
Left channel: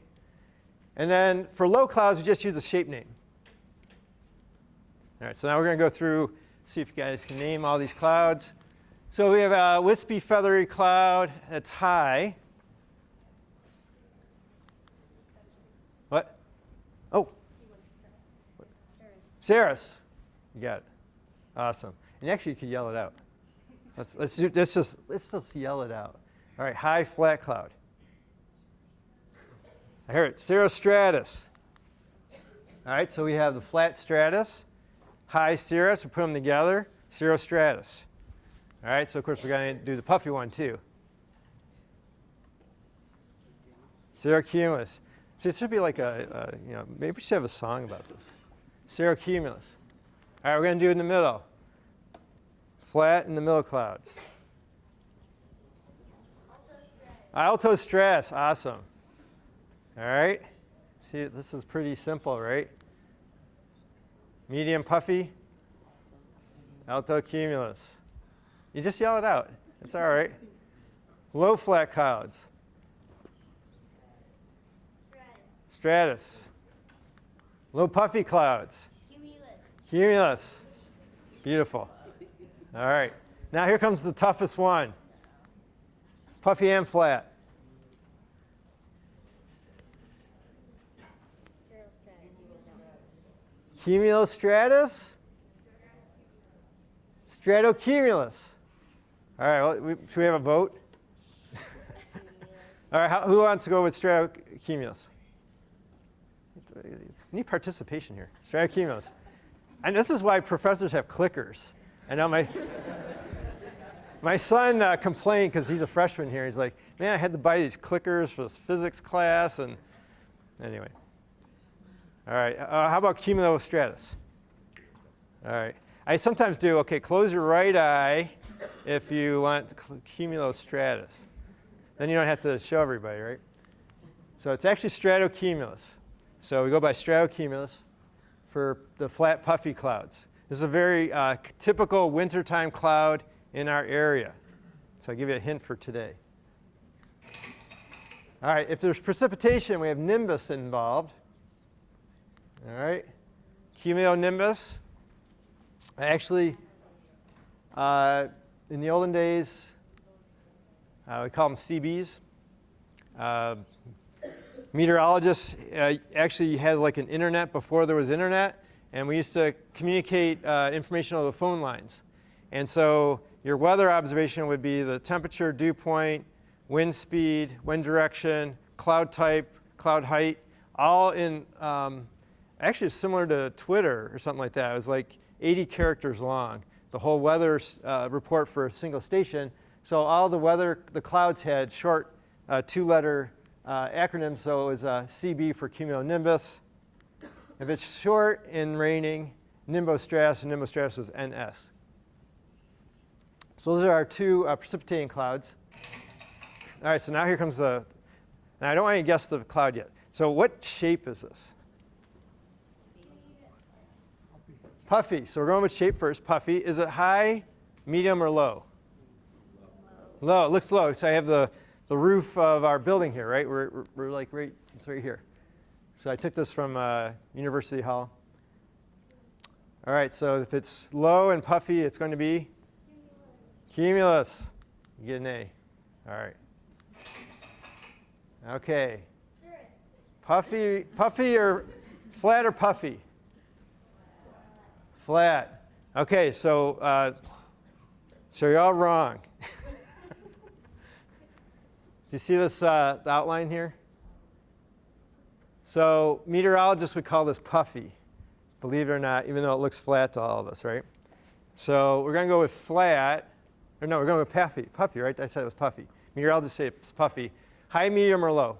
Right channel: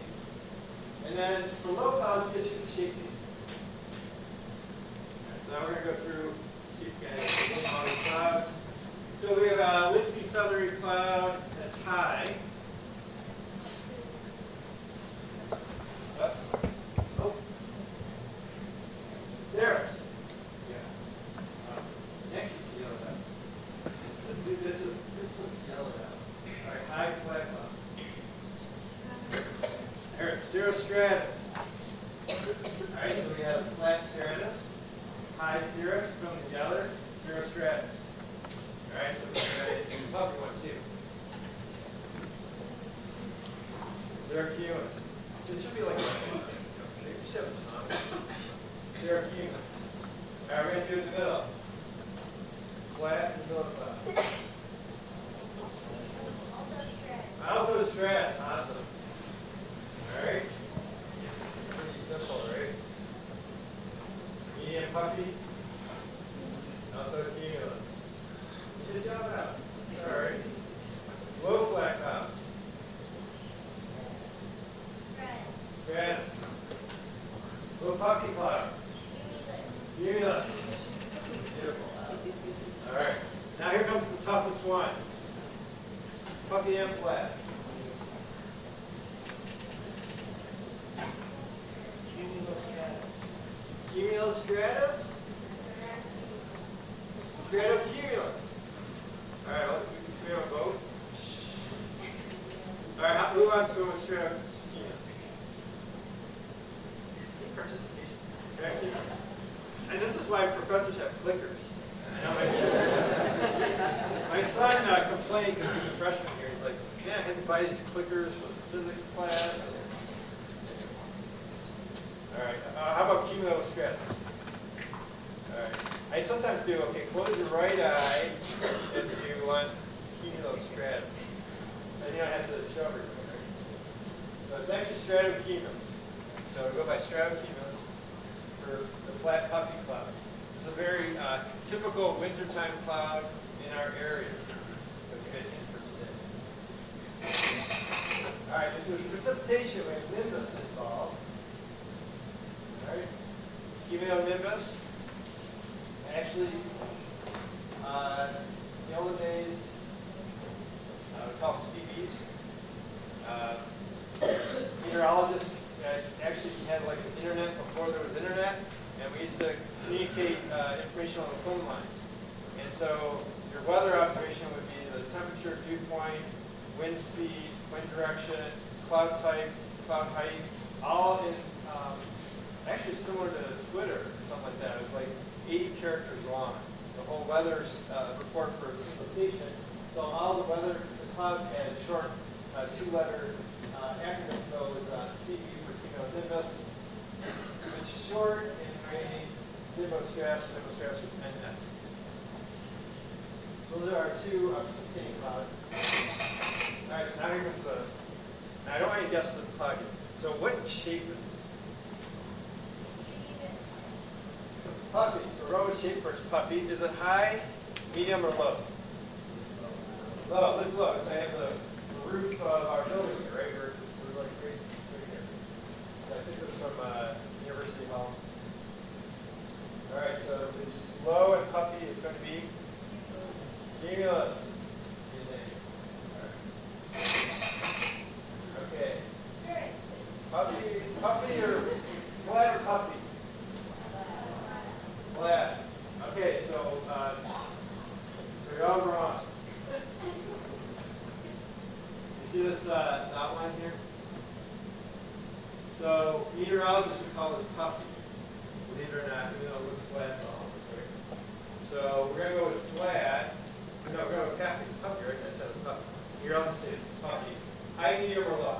And then for low clouds, we just use the shape name. All right, so now we're going to go through, see if you guys can name all these clouds. So we have a wispy, feathery cloud that's high. What? Oh. Cirrus. You got it. Awesome. And actually, you can yell it out. Let's just yell it out. All right, high, flat cloud. I heard it. Cirrostratus. All right, so we have the flat stratus. high cirrus, we put them together, cirrostratus. All right, so of course we're going to do the puffy one too. Cirrocumulus. See, it should be like maybe we should have a song now. Cirrocumulus. All right, we're going to do it in the middle. Flat in the middle cloud. Altostratus, awesome. All right, see, this is pretty simple, right? Medium puffy, altocumulus. You just yell it out. It's all right. Low flat clouds. Stratus. Low puffy clouds. Cumulus. Beautiful. All right. Now here comes the toughest one. Puffy and flat. Cumulostratus? Stratocumulus. All right, well, should we have a vote? All right, who wants to go with stratocumulus? Need participation here. Stratocumulus. And this is why professors have clickers. I know my son complained because he's a freshman here. He's like, man, I had to buy these clickers for this physics class. And anyway. All right, how about cumulostratus? All right, I sometimes do, okay, close your right eye if you want cumulostratus. Then you don't have to show everybody, right? So it's actually stratocumulus. So we go by stratocumulus for the flat puffy clouds. This is a very typical wintertime cloud in our area. So I'll give you a hint for today. All right, if there's precipitation, we have nimbus involved. All right, cumulonimbus. Actually, in the olden days, we call them CBs. Meteorologists actually had like an internet before there was internet, and we used to communicate information over the phone lines. And so your weather observation would be the temperature, dew point, wind speed, wind direction, cloud type, cloud height, all in, actually similar to Twitter or something like that. It was like 80 characters long, the whole weather report for a single station. So all the clouds had short two-letter acronyms, so it was CB for cumulonimbus. If it's short and raining, nimbostratus, and nimbostratus is NS. So those are our two precipitating clouds. All right, so now here comes now I don't want you to guess the cloud yet. So what shape is this? Puffy. So we're going with shape first. Puffy. Is it high, medium, or low? Low. It looks low. So I have the roof of our building here, right? We're like right here. So I took this from University Hall. All right. So if it's low and puffy, it's going to be cumulus. You get an A. All right. Okay. Puffy or flat or puffy? Flat. Okay, so you're all wrong. You see this outline here? So meteorologists would call this puffy, believe it or not, even though it looks flat to all of us, right? So we're going to go with flat. Or no, we're going with puffy. Puffy, right? I said it was puffy. Meteorologists say it's puffy. High, medium, or low?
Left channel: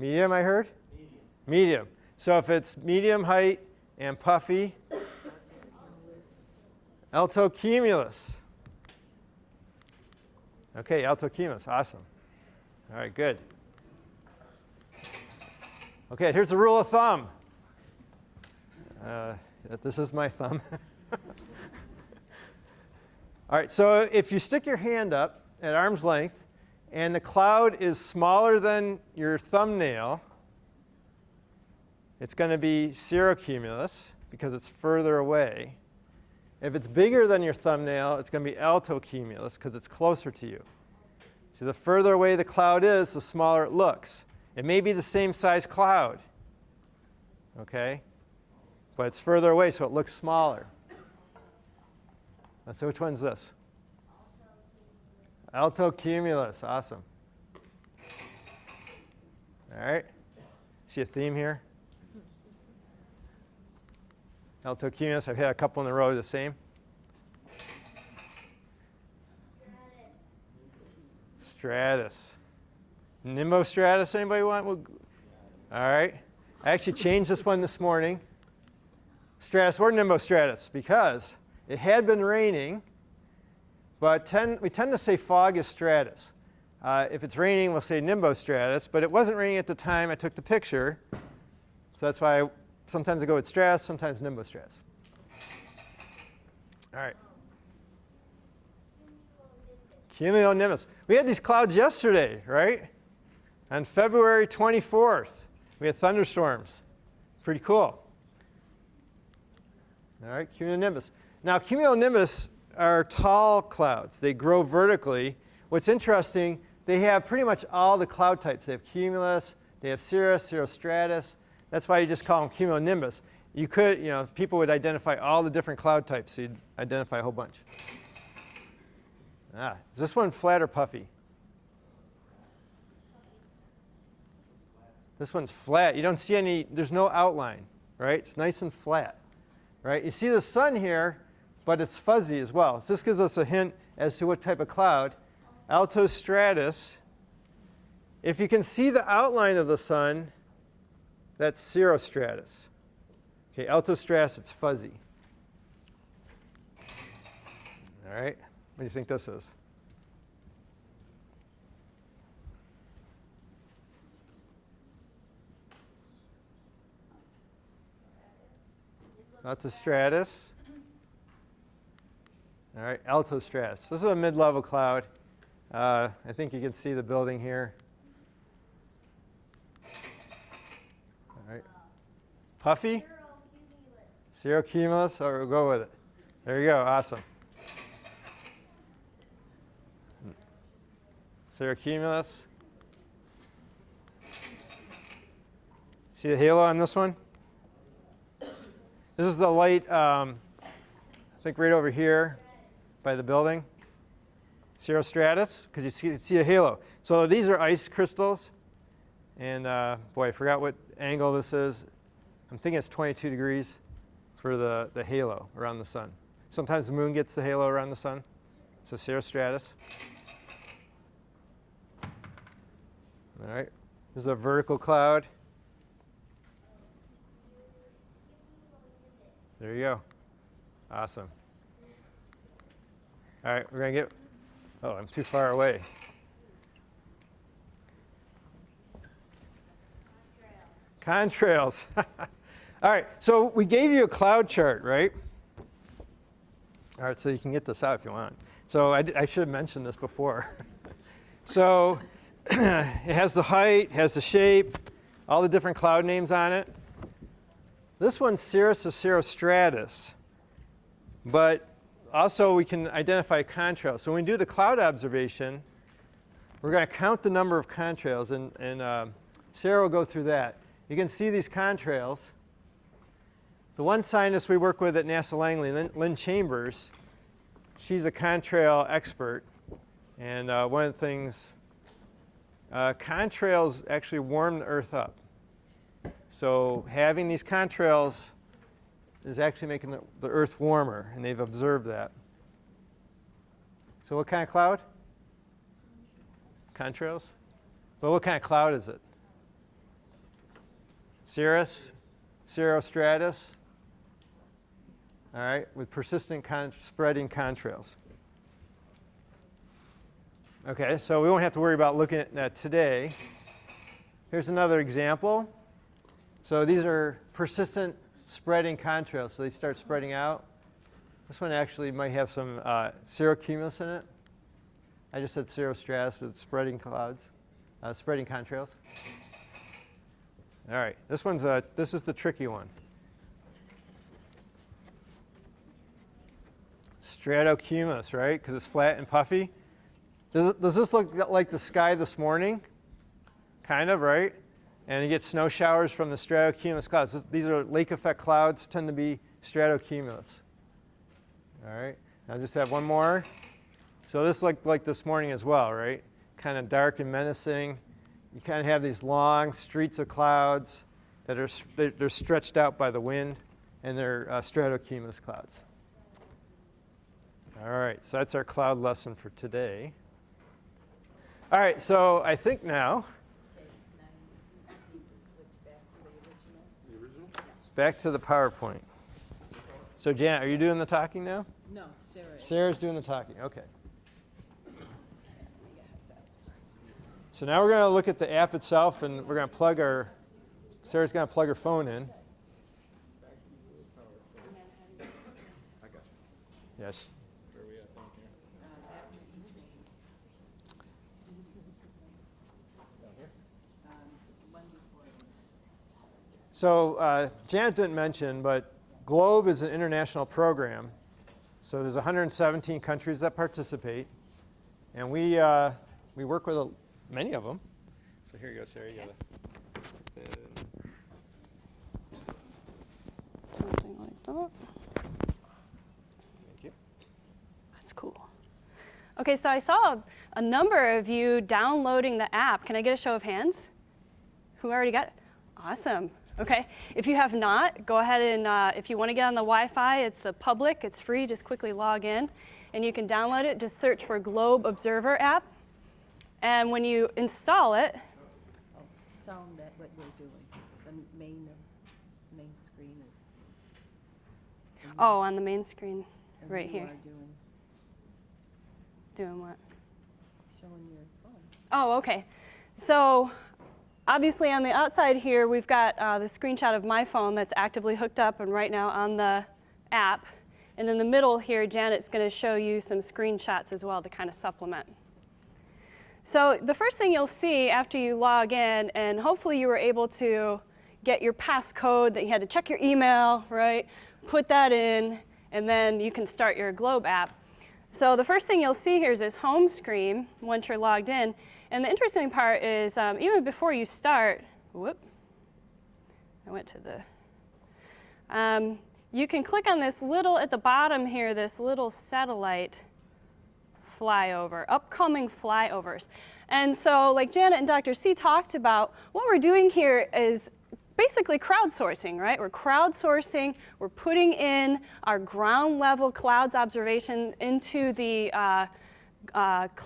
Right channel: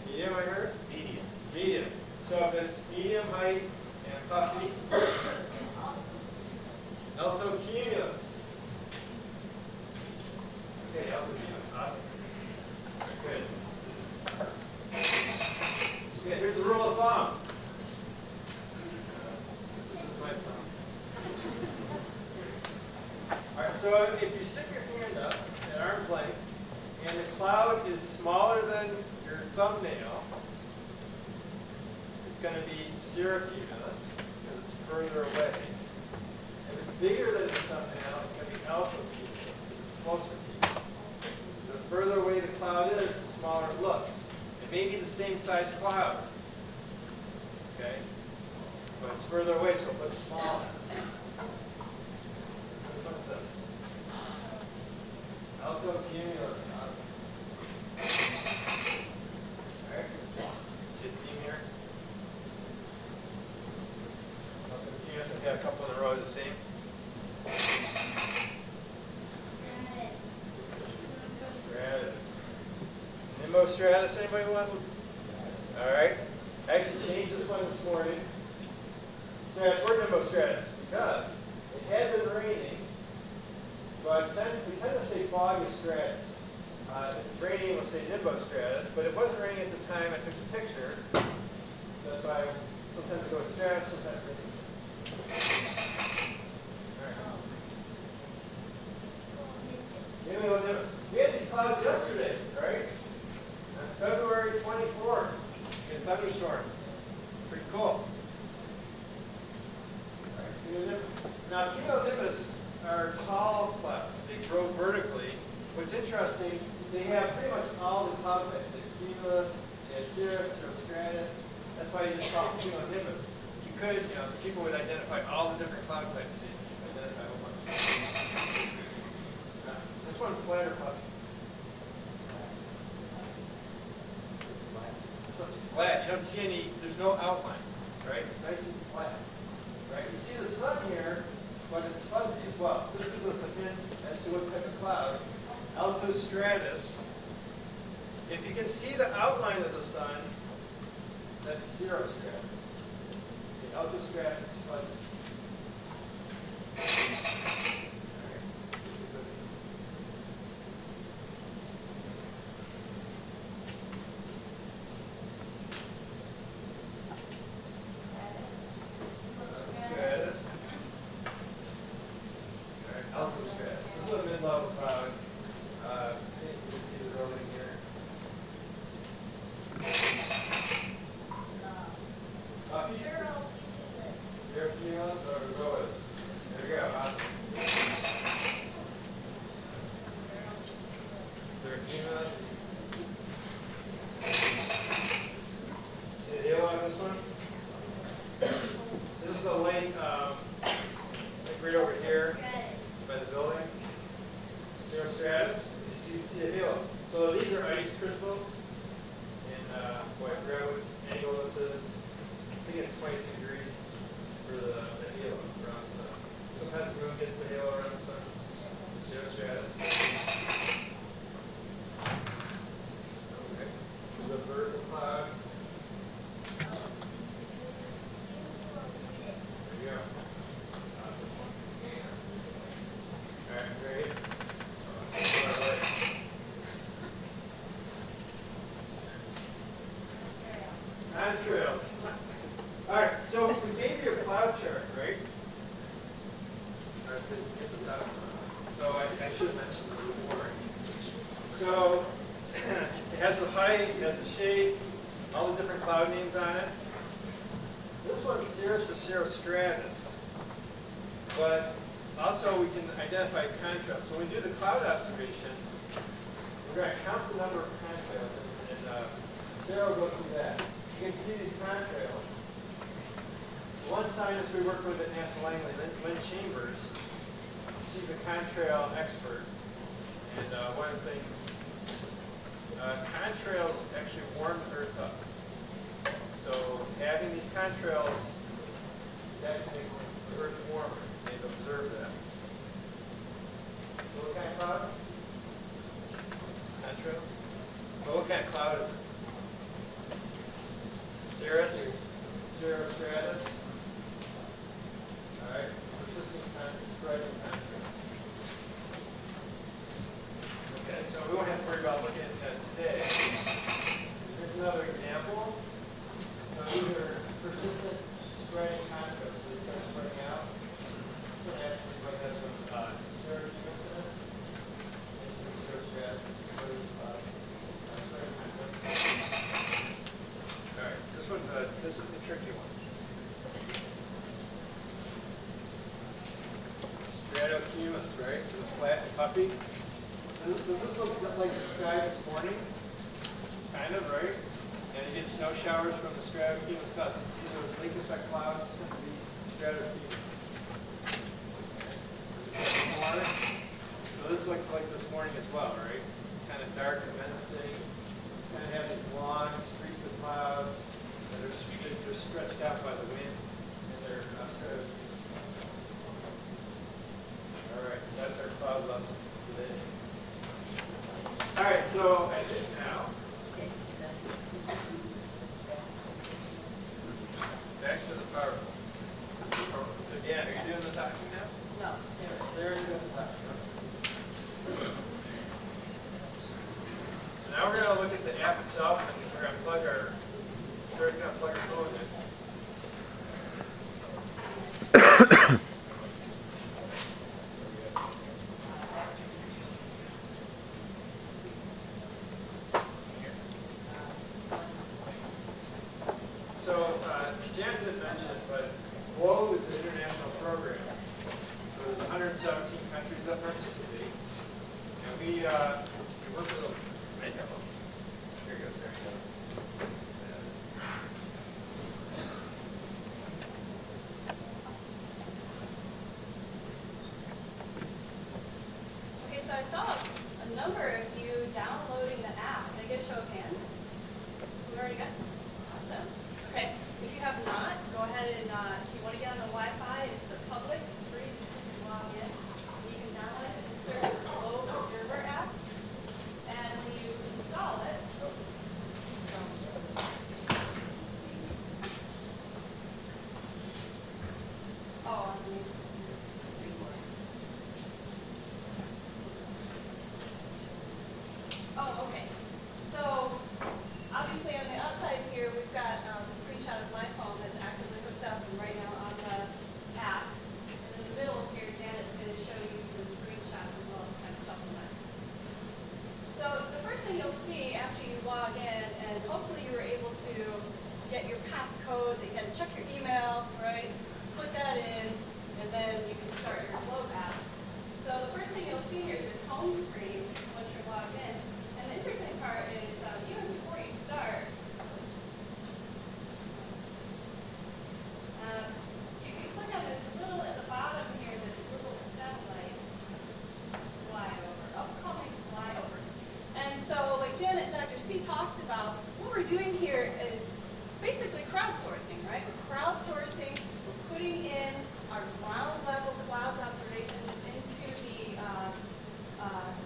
Medium, I heard? Medium. Medium. So if it's medium height and puffy, altocumulus. Okay, altocumulus, awesome. All right, good. Okay, here's a rule of thumb. This is my thumb. All right, so if you stick your hand up at arm's length and the cloud is smaller than your thumbnail, it's going to be cirrocumulus because it's further away. If it's bigger than your thumbnail, it's going to be altocumulus because it's closer to you. So the further away the cloud is, the smaller it looks. It may be the same size cloud, okay? But it's further away, so it looks smaller. So which one's this? Altocumulus, awesome. All right, see a theme here? Altocumulus. I've had a couple in a row of the same. Stratus. Nimbostratus, anybody want? All right. I actually changed this one this morning. Stratus or Nimbostratus because it had been raining, but we tend to say fog is stratus. If it's raining, we'll say Nimbostratus, but it wasn't raining at the time I took the picture, so that's why sometimes I go with stratus, sometimes Nimbostratus. All right. Cumulonimbus. We had these clouds yesterday, right? On February 24th, we had thunderstorms. Pretty cool. All right, cumulonimbus. Now, cumulonimbus are tall clouds. They grow vertically. What's interesting, they have pretty much all the cloud types. They have cumulus, they have cirrus, cirrostratus. That's why you just call them cumulonimbus. You could, people would identify all the different cloud types. So you'd identify a whole bunch. Is this one flat or puffy? This one's flat. You don't see any, there's no outline, right? It's nice and flat, right? You see the sun here, but it's fuzzy as well. So this gives us a hint as to what type of cloud. Altostratus. If you can see the outline of the sun, that's cirrostratus. Okay, altostratus, it's fuzzy. All right, what do you think this is? Altostratus. All right, altostratus. This is a mid-level cloud. I think you can see the building here. Right. Puffy? Cirrocumulus, or we'll go with it. There you go, awesome. Cirrocumulus. See the halo on this one? This is the light, I think right over here by the building. Cirrostratus, because you see a halo. So these are ice crystals. And boy, I forgot what angle this is. I think it's 22 degrees for the halo around the sun. Sometimes the moon gets the halo around the sun. So cirrostratus. All right, this is a vertical cloud. There you go. Awesome. All right, we're going to get, oh, I'm too far away. Contrails. All right, so we gave you a cloud chart, right? All right, so you can get this out if you want. So I should have mentioned this before. So it has the height, has the shape, all the different cloud names on it. This one's cirrus or cirrostratus, but also we can identify contrails. So when we do the cloud observation, we're going to count the number of contrails, and Sarah will go through that. You can see these contrails. The one scientist we work with at NASA Langley, Lynn Chambers, she's a contrail expert, and one of the things, contrails actually warm the Earth up. So having these contrails is actually making the Earth warmer, and they've observed that. So what kind of cloud? Contrails? Well, what kind of cloud is it? Cirrus? Cirrostratus? All right, with persistent spreading contrails. Okay, so we won't have to worry about looking at that today. Here's another example. So these are persistent spreading contrails, so they start spreading out. This one actually might have some cirrocumulus in it. I just said cirrostratus with spreading clouds, spreading contrails. All right, this is the tricky one. Stratocumulus, right? Because it's flat and puffy. Does this look like the sky this morning? Kind of, right? And you get snow showers from the stratocumulus clouds. These are lake effect clouds, tend to be stratocumulus. All right, I just have one more. So this looked like this morning as well, right? Kind of dark and menacing. You kind of have these long streets of clouds that are they're stretched out by the wind, and they're stratocumulus clouds. All right, so that's our cloud lesson for today. All right, so I think now, back to the PowerPoint. So Jan, are you doing the talking now? No, Sarah's doing the talking, okay. So now we're going to look at the app itself, and we're going to plug our, Sarah's going to plug her phone in. So Janet didn't mention, but GLOBE is an international program. So there's 117 countries that participate, and we work with many of them. That's cool. Okay, so I saw a number of you downloading the app. Can I get a show of hands? Who already got it? Awesome. Okay, if you have not, go ahead and if you want to get on the Wi-Fi, it's the public, it's free, just quickly log in. And you can download it, just search for Globe Observer app. And when you install it, oh, on the main screen, right here. Doing what? Oh, okay. So obviously on the outside here, we've got the screenshot of my phone that's actively hooked up and right now on the app. And in the middle here, Janet's going to show you some screenshots as well to kind of supplement. So the first thing you'll see after you log in, and hopefully you were able to get your passcode that you had to check your email, right? Put that in, and then you can start your Globe app. So the first thing you'll see here is this home screen once you're logged in. And the interesting part is even before you start, you can click on this little, at the bottom here, this little satellite flyover, upcoming flyovers. And so like Janet and Dr. C talked about, what we're doing here is basically crowdsourcing, right? We're crowdsourcing, we're putting in our ground level clouds observation into the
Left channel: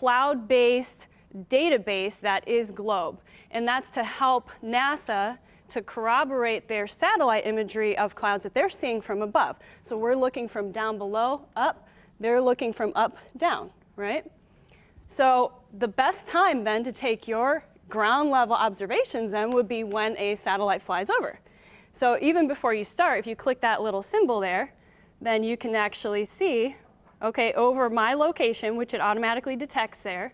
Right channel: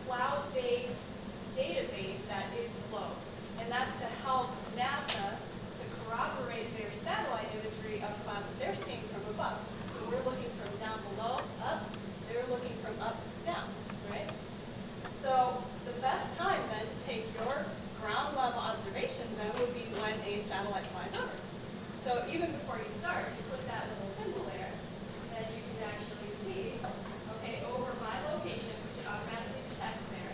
cloud-based database that is GLOBE. And that's to help NASA to corroborate their satellite imagery of clouds that they're seeing from above. So we're looking from down below up, they're looking from up down, right? So the best time then to take your ground level observations then would be when a satellite flies over. So even before you start, if you click that little symbol there, then you can actually see, okay, over my location, which it automatically detects there,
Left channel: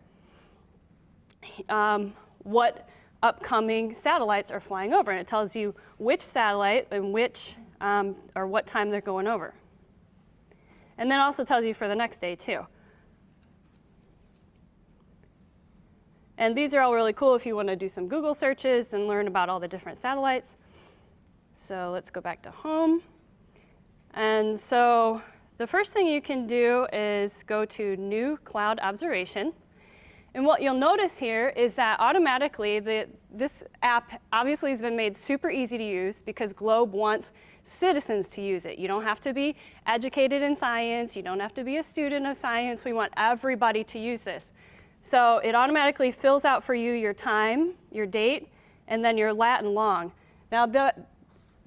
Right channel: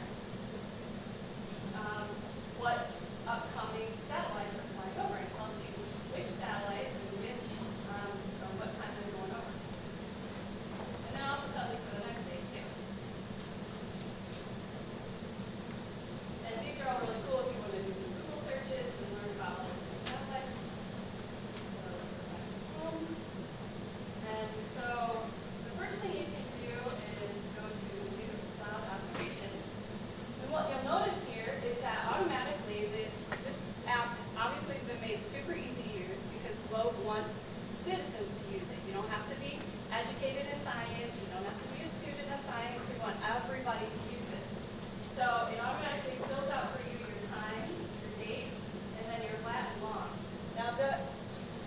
what upcoming satellites are flying over. And it tells you which satellite and which, or what time they're going over. And then also tells you for the next day too. And these are all really cool if you want to do some Google searches and learn about all the different satellites. So let's go back to home. And so the first thing you can do is go to New Cloud Observation. And what you'll notice here is that automatically this app obviously has been made super easy to use because GLOBE wants citizens to use it. You don't have to be educated in science. You don't have to be a student of science. We want everybody to use this. So it automatically fills out for you your time, your date, and then your Latin long. Now,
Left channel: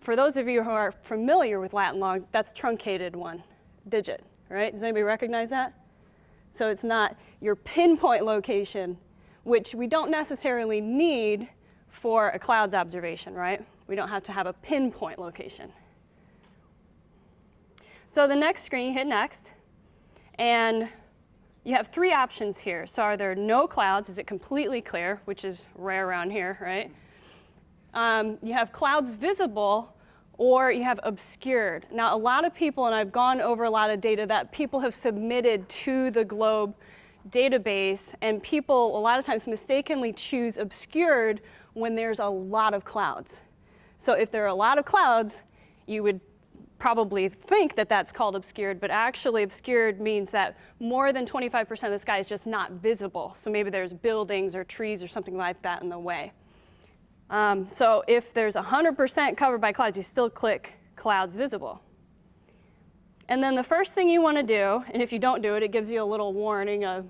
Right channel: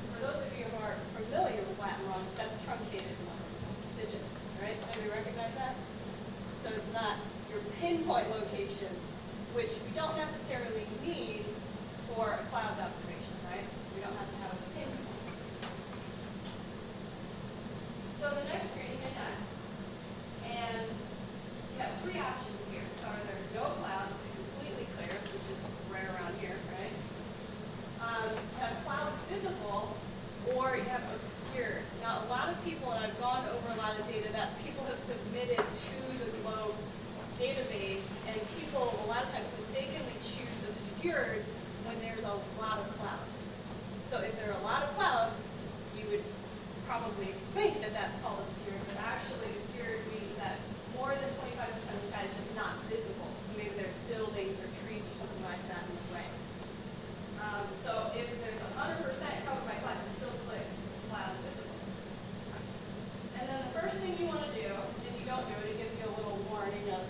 for those of you who are familiar with Latin long, that's truncated one digit, right? Does anybody recognize that? So it's not your pinpoint location, which we don't necessarily need for a clouds observation, right? We don't have to have a pinpoint location. So the next screen, you hit next, and you have three options here. So are there no clouds? Is it completely clear, which is rare around here, right? You have clouds visible, or you have obscured. Now, a lot of people, and I've gone over a lot of data that people have submitted to the GLOBE database, and people a lot of times mistakenly choose obscured when there's a lot of clouds. So if there are a lot of clouds, you would probably think that that's called obscured, but actually obscured means that more than 25% of the sky is just not visible. So maybe there's buildings or trees or something like that in the way. So if there's 100% covered by clouds, you still click clouds visible. And then the first thing you want to do, and if you don't do it, it gives you a little warning of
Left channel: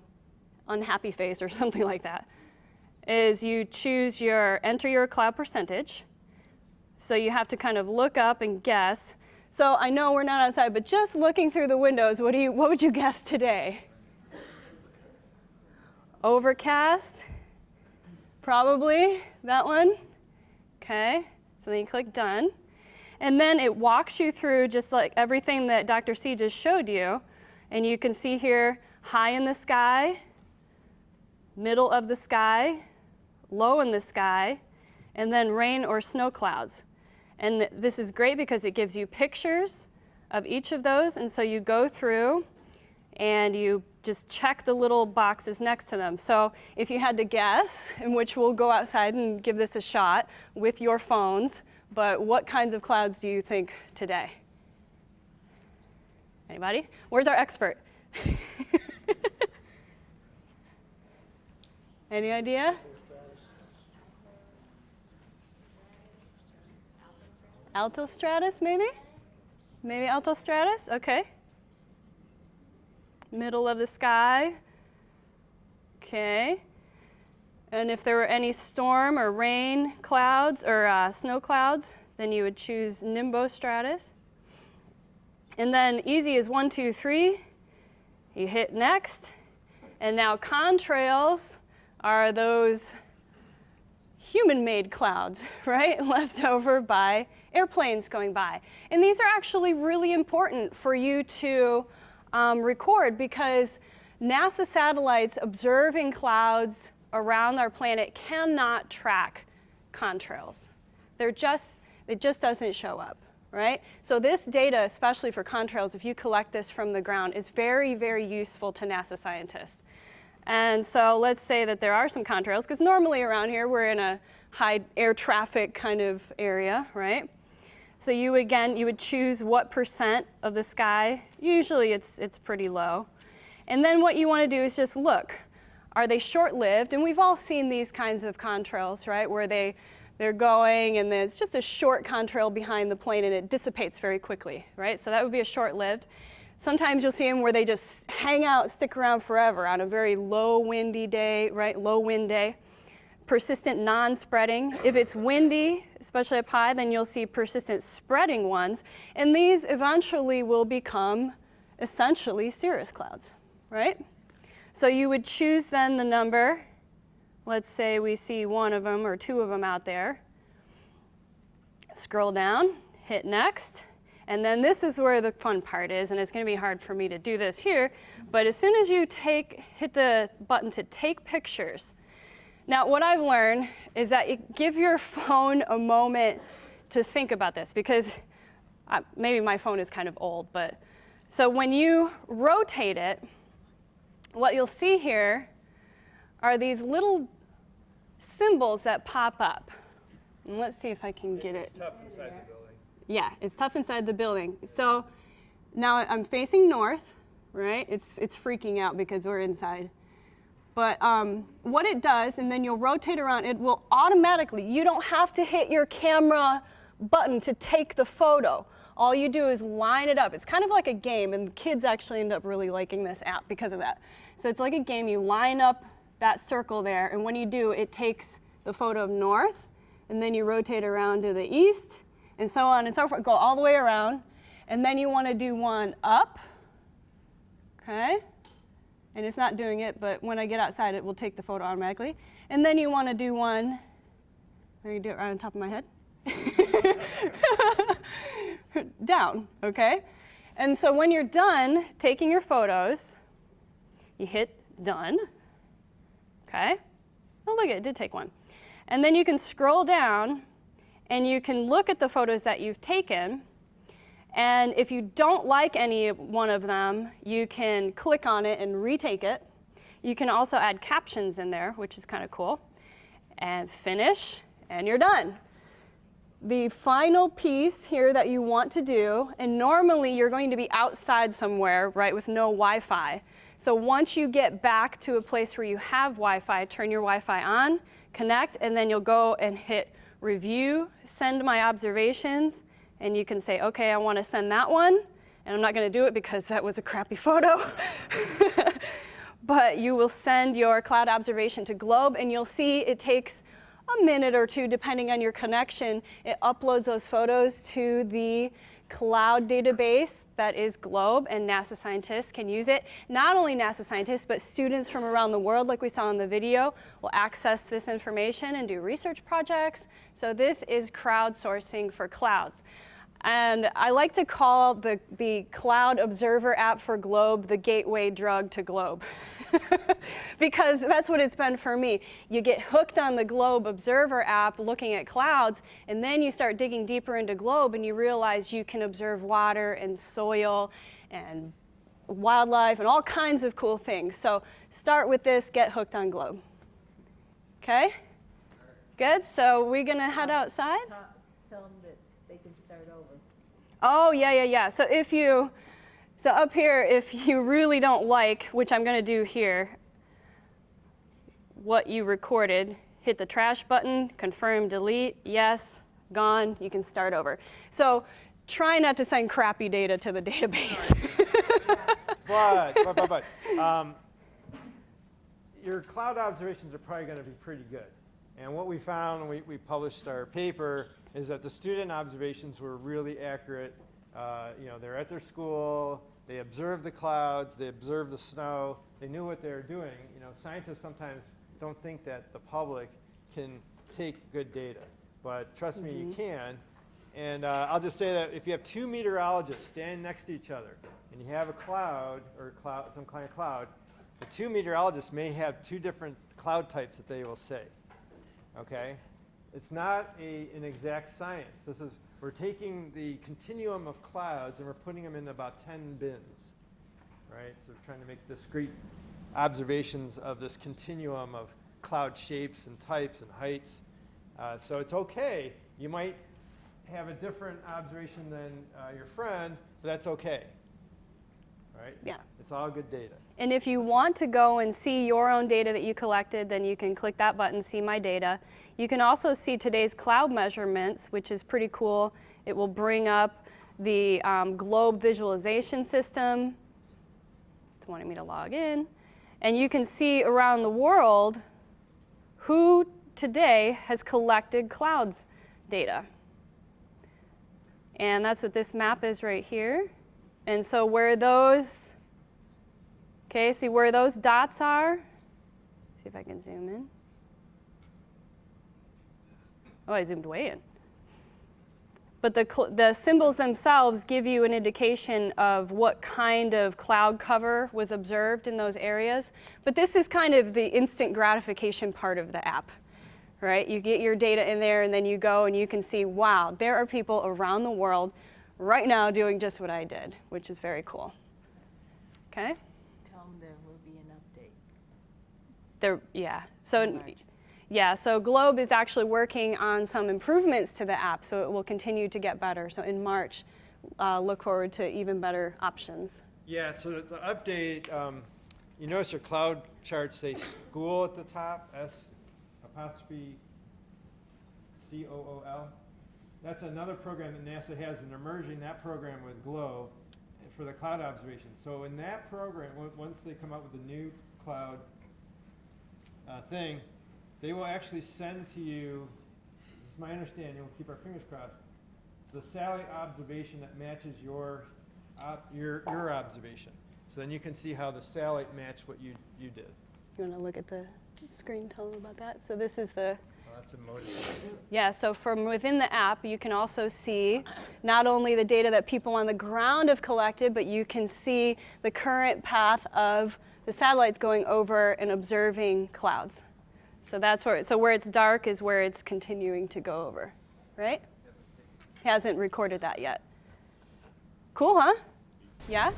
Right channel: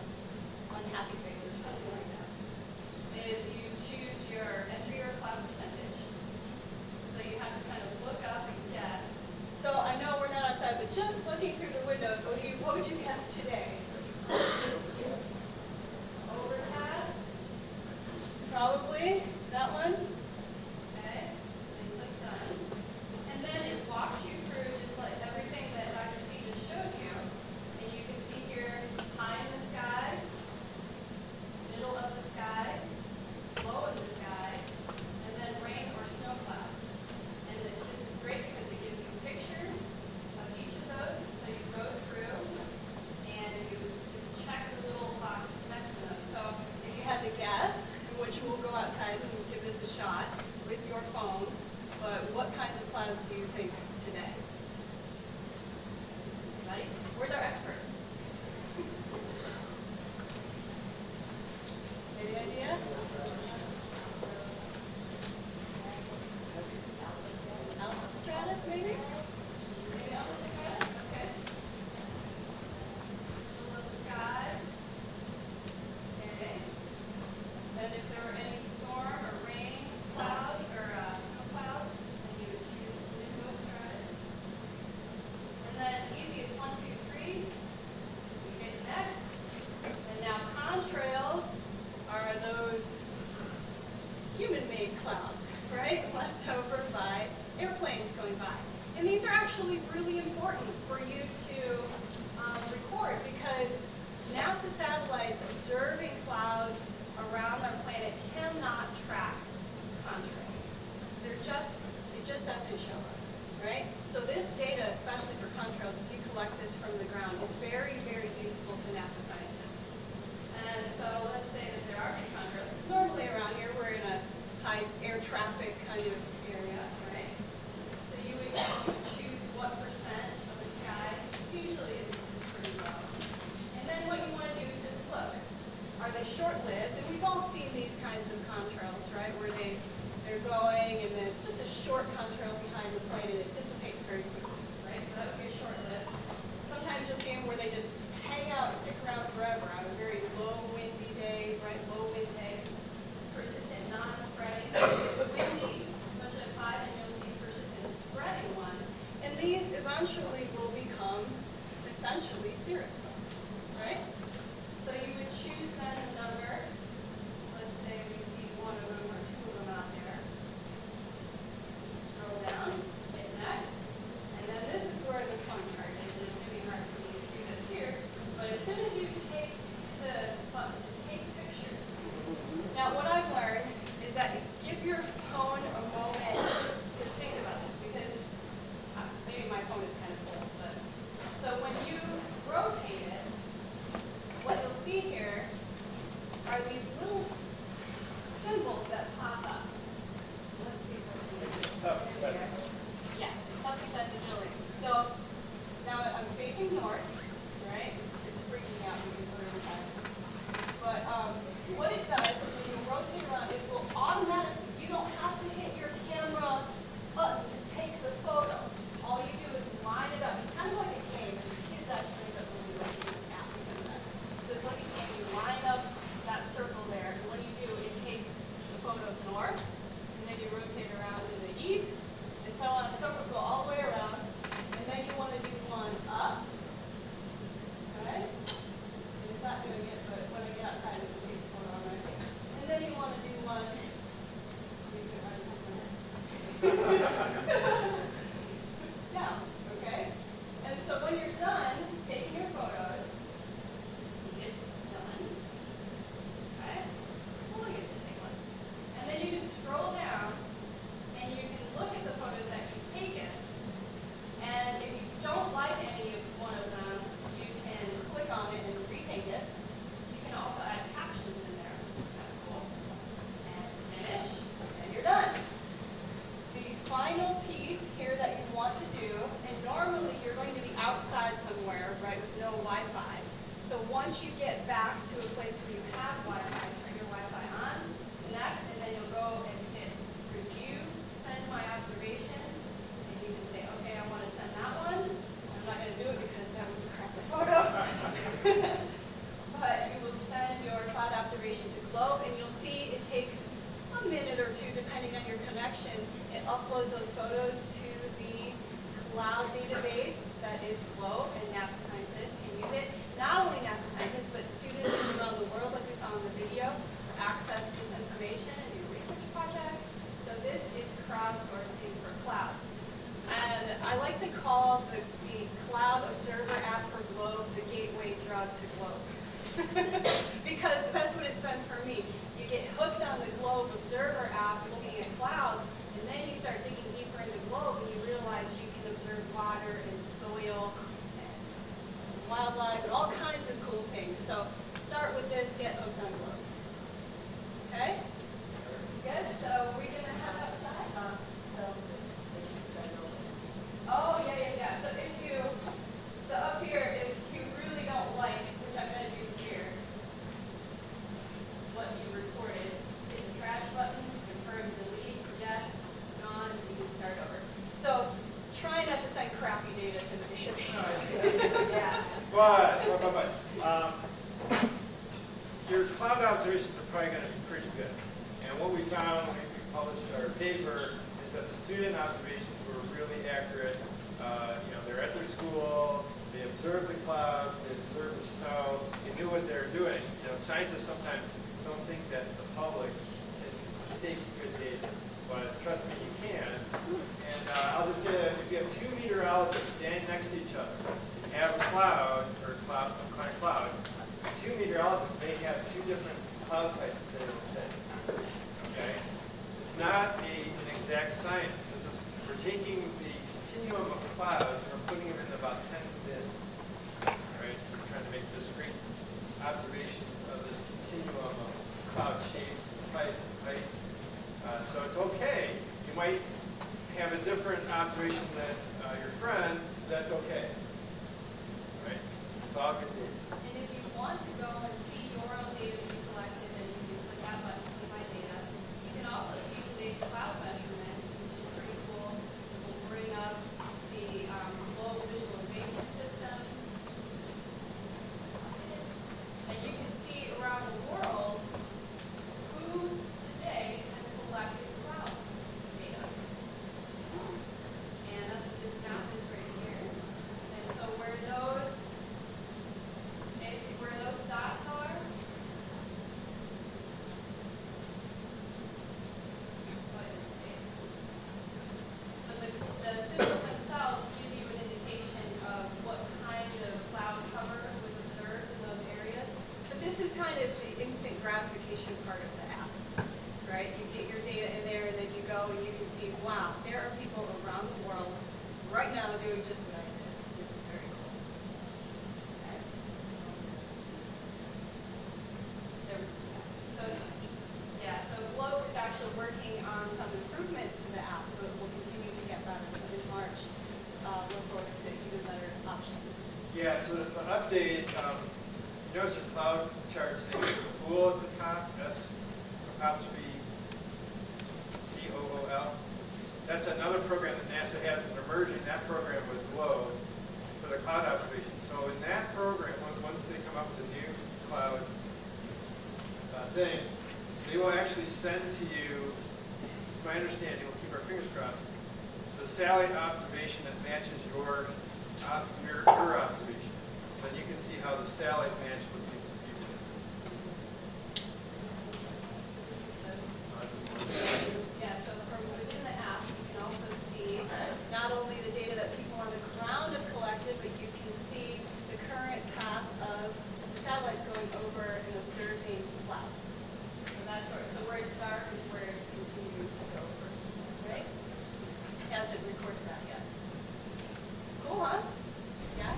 unhappy face or something like that, is you choose enter your cloud percentage. So you have to kind of look up and guess. So I know we're not outside, but just looking through the windows, what would you guess today? Overcast? Probably that one. Okay, so then you click done. And then it walks you through just like everything that Dr. C just showed you. And you can see here, high in the sky, middle of the sky, low in the sky, and then rain or snow clouds. And this is great because it gives you pictures of each of those. And so you go through and you just check the little boxes next to them. So if you had to guess, in which we'll go outside and give this a shot with your phones, but what kinds of clouds do you think today? Anybody? Where's our expert? Any idea? Altostratus, maybe? Maybe altostratus? Okay. Middle of the sky. Okay. And if there were any storm or rain clouds or snow clouds, then you would choose nimbostratus. And then easy is 1, 2, 3. You hit next. And now contrails are those human-made clouds, right? Left over by airplanes going by. And these are actually really important for you to record because NASA satellites observing clouds around our planet cannot track contrails. It just doesn't show up, right? So this data, especially for contrails, if you collect this from the ground, is very, very useful to NASA scientists. And so let's say that there are some contrails, because normally around here we're in a high air traffic kind of area, right? So you would choose what percent of the sky. Usually it's pretty low. And then what you want to do is just look. Are they short-lived? And we've all seen these kinds of contrails, right, where they're going and then it's just a short contrail behind the plane and it dissipates very quickly, right? So that would be a short-lived. Sometimes you'll see them where they just hang out, stick around forever on a very low windy day, right, low wind day. Persistent non-spreading. If it's windy, especially up high, then you'll see persistent spreading ones. And these eventually will become essentially cirrus clouds, right? So you would choose then the number. Let's say we see one of them or two of them out there. Scroll down, hit next. And then this is where the fun part is, and it's going to be hard for me to do this here. But as soon as you hit the button to take pictures, now what I've learned is that give your phone a moment to think about this, because maybe my phone is kind of old, but so when you rotate it, what you'll see here are these little symbols that pop up. And let's see if I can get it. Yeah, it's tough inside the building. So now I'm facing north, right? It's freaking out because we're inside. But what it does, and then you'll rotate around, it will automatically, you don't have to hit your camera button to take the photo. All you do is line it up. It's kind of like a game, and kids actually end up really liking this app because of that. So it's like a game. You line up that circle there, and when you do, it takes the photo of north, and then you rotate around to the east, and so on and so forth. Go all the way around, and then you want to do one up, okay? And it's not doing it, but when I get outside, it will take the photo automatically. And then you want to do one, or you do it right on top of my head? Down, okay? And so when you're done taking your photos, you hit done, okay? Oh, look, it did take one. And then you can scroll down, and you can look at the photos that you've taken. And if you don't like any one of them, you can click on it and retake it. You can also add captions in there, which is kind of cool. And finish, and you're done. The final piece here that you want to do, and normally you're going to be outside somewhere, right, with no Wi-Fi. So once you get back to a place where you have Wi-Fi, turn your Wi-Fi on, connect, and then you'll go and hit review, send my observations, and you can say, okay, I want to send that one, and I'm not going to do it because that was a crappy photo. But you will send your cloud observation to Globe, and you'll see it takes a minute or two, depending on your connection. It uploads those photos to the cloud database that is Globe, and NASA scientists can use it. Not only NASA scientists, but students from around the world, like we saw in the video, will access this information and do research projects. So this is crowdsourcing for clouds. And I like to call the Cloud Observer app for Globe the gateway drug to Globe. Because that's what it's been for me. You get hooked on the Globe Observer app looking at clouds, and then you start digging deeper into Globe and you realize you can observe water and soil and wildlife and all kinds of cool things. So start with this, get hooked on Globe. Okay? Good, so we're gonna head outside? Oh, yeah. So up here, if you really don't like, which I'm going to do here, what you recorded, hit the trash button, confirm, delete, yes, gone, you can start over. So try not to send crappy data to the database. But your cloud observations are probably going to be pretty good. And what we found when we published our paper is that the student observations were really accurate. They're at their school, they observed the clouds, they observed the snow, they knew what they were doing. Scientists sometimes don't think that the public can take good data, but trust me, you can. And I'll just say that if you have two meteorologists standing next to each other, you have a cloud, or some kind of cloud, two meteorologists may have two different cloud types that they will say. Okay? It's not an exact science. We're taking the continuum of clouds and we're putting them in about 10 bins. Right? So we're trying to make discrete observations of this continuum of cloud shapes and types and heights. So it's okay. You might have a different observation than your friend. That's okay. Right? Yeah. It's all good data. And if you want to go and see your own data that you collected, then you can click that button, See My Data. You can also see today's cloud measurements, which is pretty cool. It will bring up the Globe visualization system. Wanting me to log in. And you can see around the world who today has collected clouds data. And that's what this map is right here. And so where those, okay, see where those dots are? See if I can zoom in. Oh, I zoomed way in. But the symbols themselves give you an indication of what kind of cloud cover was observed in those areas. But this is kind of the instant gratification part of the app, right? You get your data in there and then you go and you can see, wow, there are people around the world right now doing just what I did, which is very cool. Okay? So Globe is actually working on some improvements to the app, so it will continue to get better. So in March, look forward to even better options. Yeah, so the update, you notice your cloud charts say cool at the top, S''COOL. That's another program that NASA has, and they're merging that program with Globe for the cloud observation. So in that program, once they come up with a new cloud thing, they will actually send to you, it's my understanding, we'll keep our fingers crossed, the satellite observation that matches your observation. So then you can see how the satellite matched what you did. You want to look at the screen, tell me about that? So this is the, yeah, so from within the app, you can also see not only the data that people on the ground have collected, but you can see the current path of the satellites going over and observing clouds. So that's where it's dark is where it's continuing to go over, right? Hasn't recorded that yet. Cool, huh? Yeah?